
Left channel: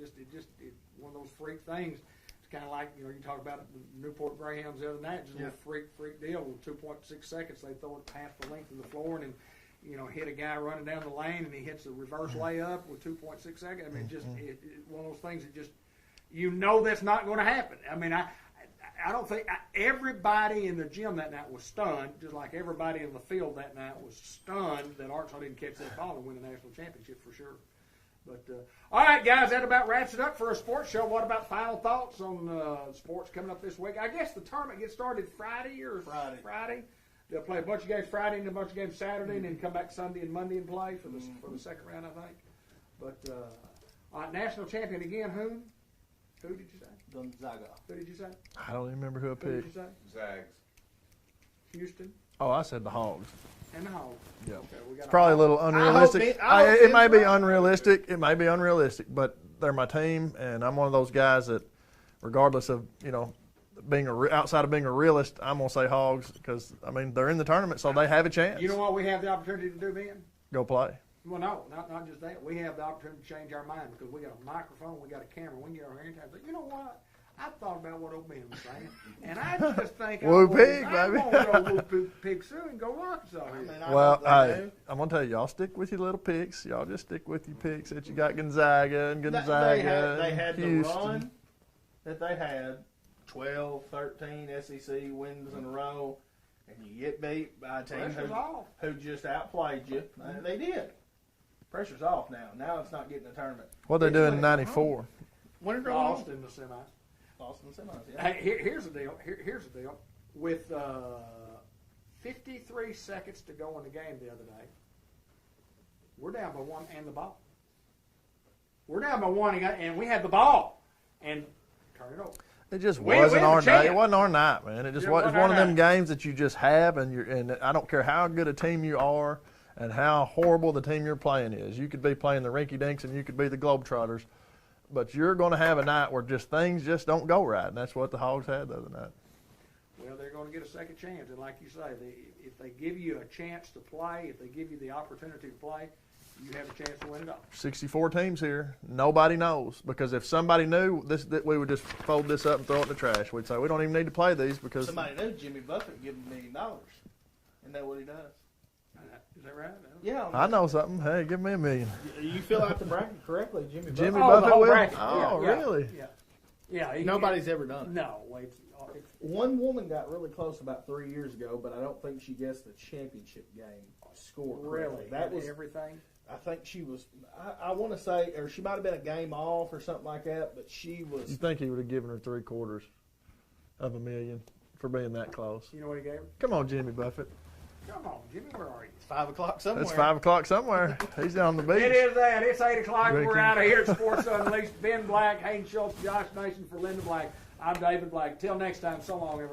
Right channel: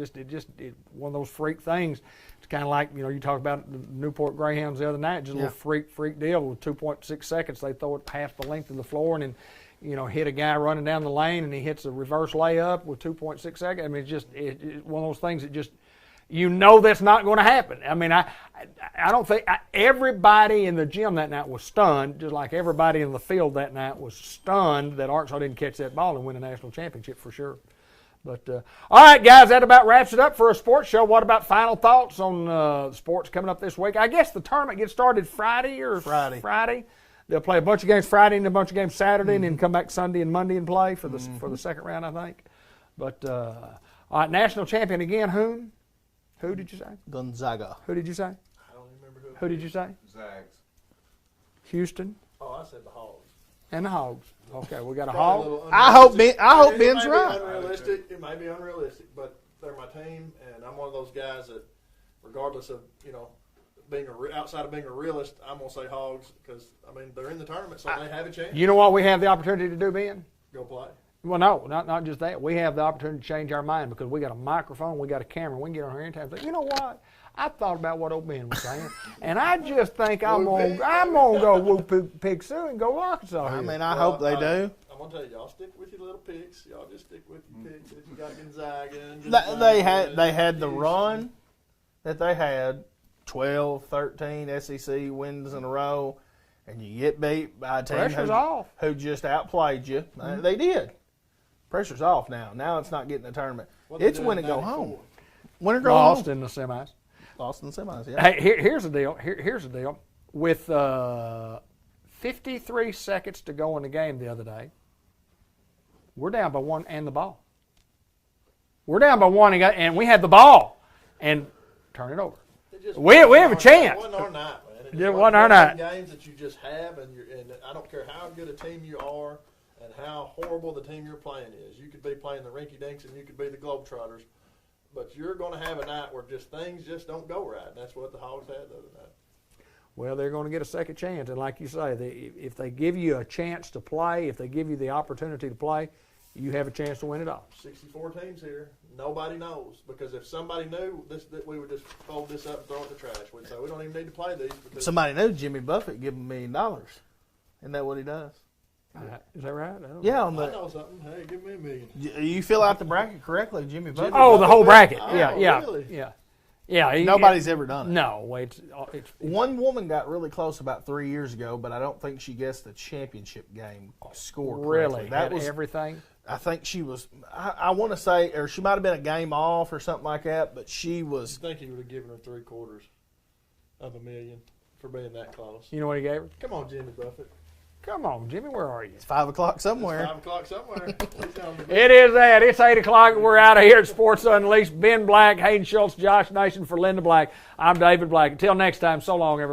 one of those freak things. It's kind of like you talked about the Newport Greyhounds the other night, just a little freak deal. With 2.6 seconds, they throw it half the length of the floor, and then hit a guy running down the lane, and he hits a reverse layup with 2.6 seconds. I mean, it's just it's one of those things that just that's not going to happen. I mean, I don't think everybody in the gym that night was stunned, just like everybody in the field that night was stunned that Arkansas didn't catch that ball and win a national championship for sure. But, all right, guys, that about wraps it up for a sports show. What about final thoughts on sports coming up this week? I guess the tournament gets started Friday. Friday. They'll play a bunch of games Friday and a bunch of games Saturday, and then come back Sunday and Monday and play for the second round, I think. But, all right, national champion again, whom? Who did you say? Gonzaga. Who did you say? I don't even remember who. Who did you say? Zags. Houston. Oh, I said the Hogs. And the Hogs. Yeah. Okay, we got probably a little unrealistic. I hope it may be unrealistic. It may be unrealistic, but they're my team, and I'm one of those guys that, regardless of being outside of being a realist, I'm gonna say Hogs because they're in the tournament, so they have a chance. You know what we have the opportunity to do, Ben? Go play. Well, no, not just that. We have the opportunity to change our mind because we got a microphone, we got a camera. We can get on here anytime and say, you know what? I thought about what old Ben was saying, and I just think I'm going to go woo pig Sue and go Arkansas here. I hope they do. I'm going to tell you, y'all stick with your little picks. Y'all just stick with your picks that you got Gonzaga and Gonzaga. They had the run that they had, 12, 13 SEC wins in a row, and you get beat by a team who just outplayed you. They did. Pressure's off now. Now it's not getting a tournament. What they doing in 94? Win or go Lost home. in the semis. Lost in the semis, yeah. Hey, here's the deal. Here's the deal. With 53 seconds to go in the game the other day, we're down by 1 and the ball. We're down by 1 and we had the ball and turn it over. It just we have a chance. It wasn't our night, man. It just wasn't one our of night. them games that you just have, and I don't care how good a team you are and how horrible the team you're playing is. You could be playing the rinky-dinks and you could be the Globetrotters, but you're going to have a night where things just don't go right, and that's what the Hogs had the other night. well, they're going to get a second chance. And like you say, if they give you a chance to play, if they give you the opportunity to play, you have a chance to win it all. 64 teams here. Nobody knows, because if somebody knew this, that we would just fold this up and throw it in the trash. We'd say we don't even need to play these because Somebody knew Jimmy Buffett give him $1 million. Isn't that what he does? Is that right? I don't know. Yeah, I know something. Hey, give me $1 million. You fill out the bracket correctly, Jimmy Buffett. Oh, the whole bracket. Oh, Yeah. really? Yeah. Nobody's ever done it. No, it's One woman got really close about 3 years ago, but I don't think she guessed the championship game score correctly. really That had was everything. I think she was. I want to say, or she might have been a game off or something like that. But she You was. think he would have given her 3/4 of $1 million for being that close? You know what he gave her? Come on, Jimmy Buffett. Come on, Jimmy, where are you? It's 5 o'clock somewhere. It's 5 o'clock somewhere. He's on the beach. It is that. It's 8 o'clock, and we're out of here at Sports Unleashed. Ben Black, Hayden Schultz, Josh Nation for Linda Black. I'm David Black. Until next time, so long, everybody.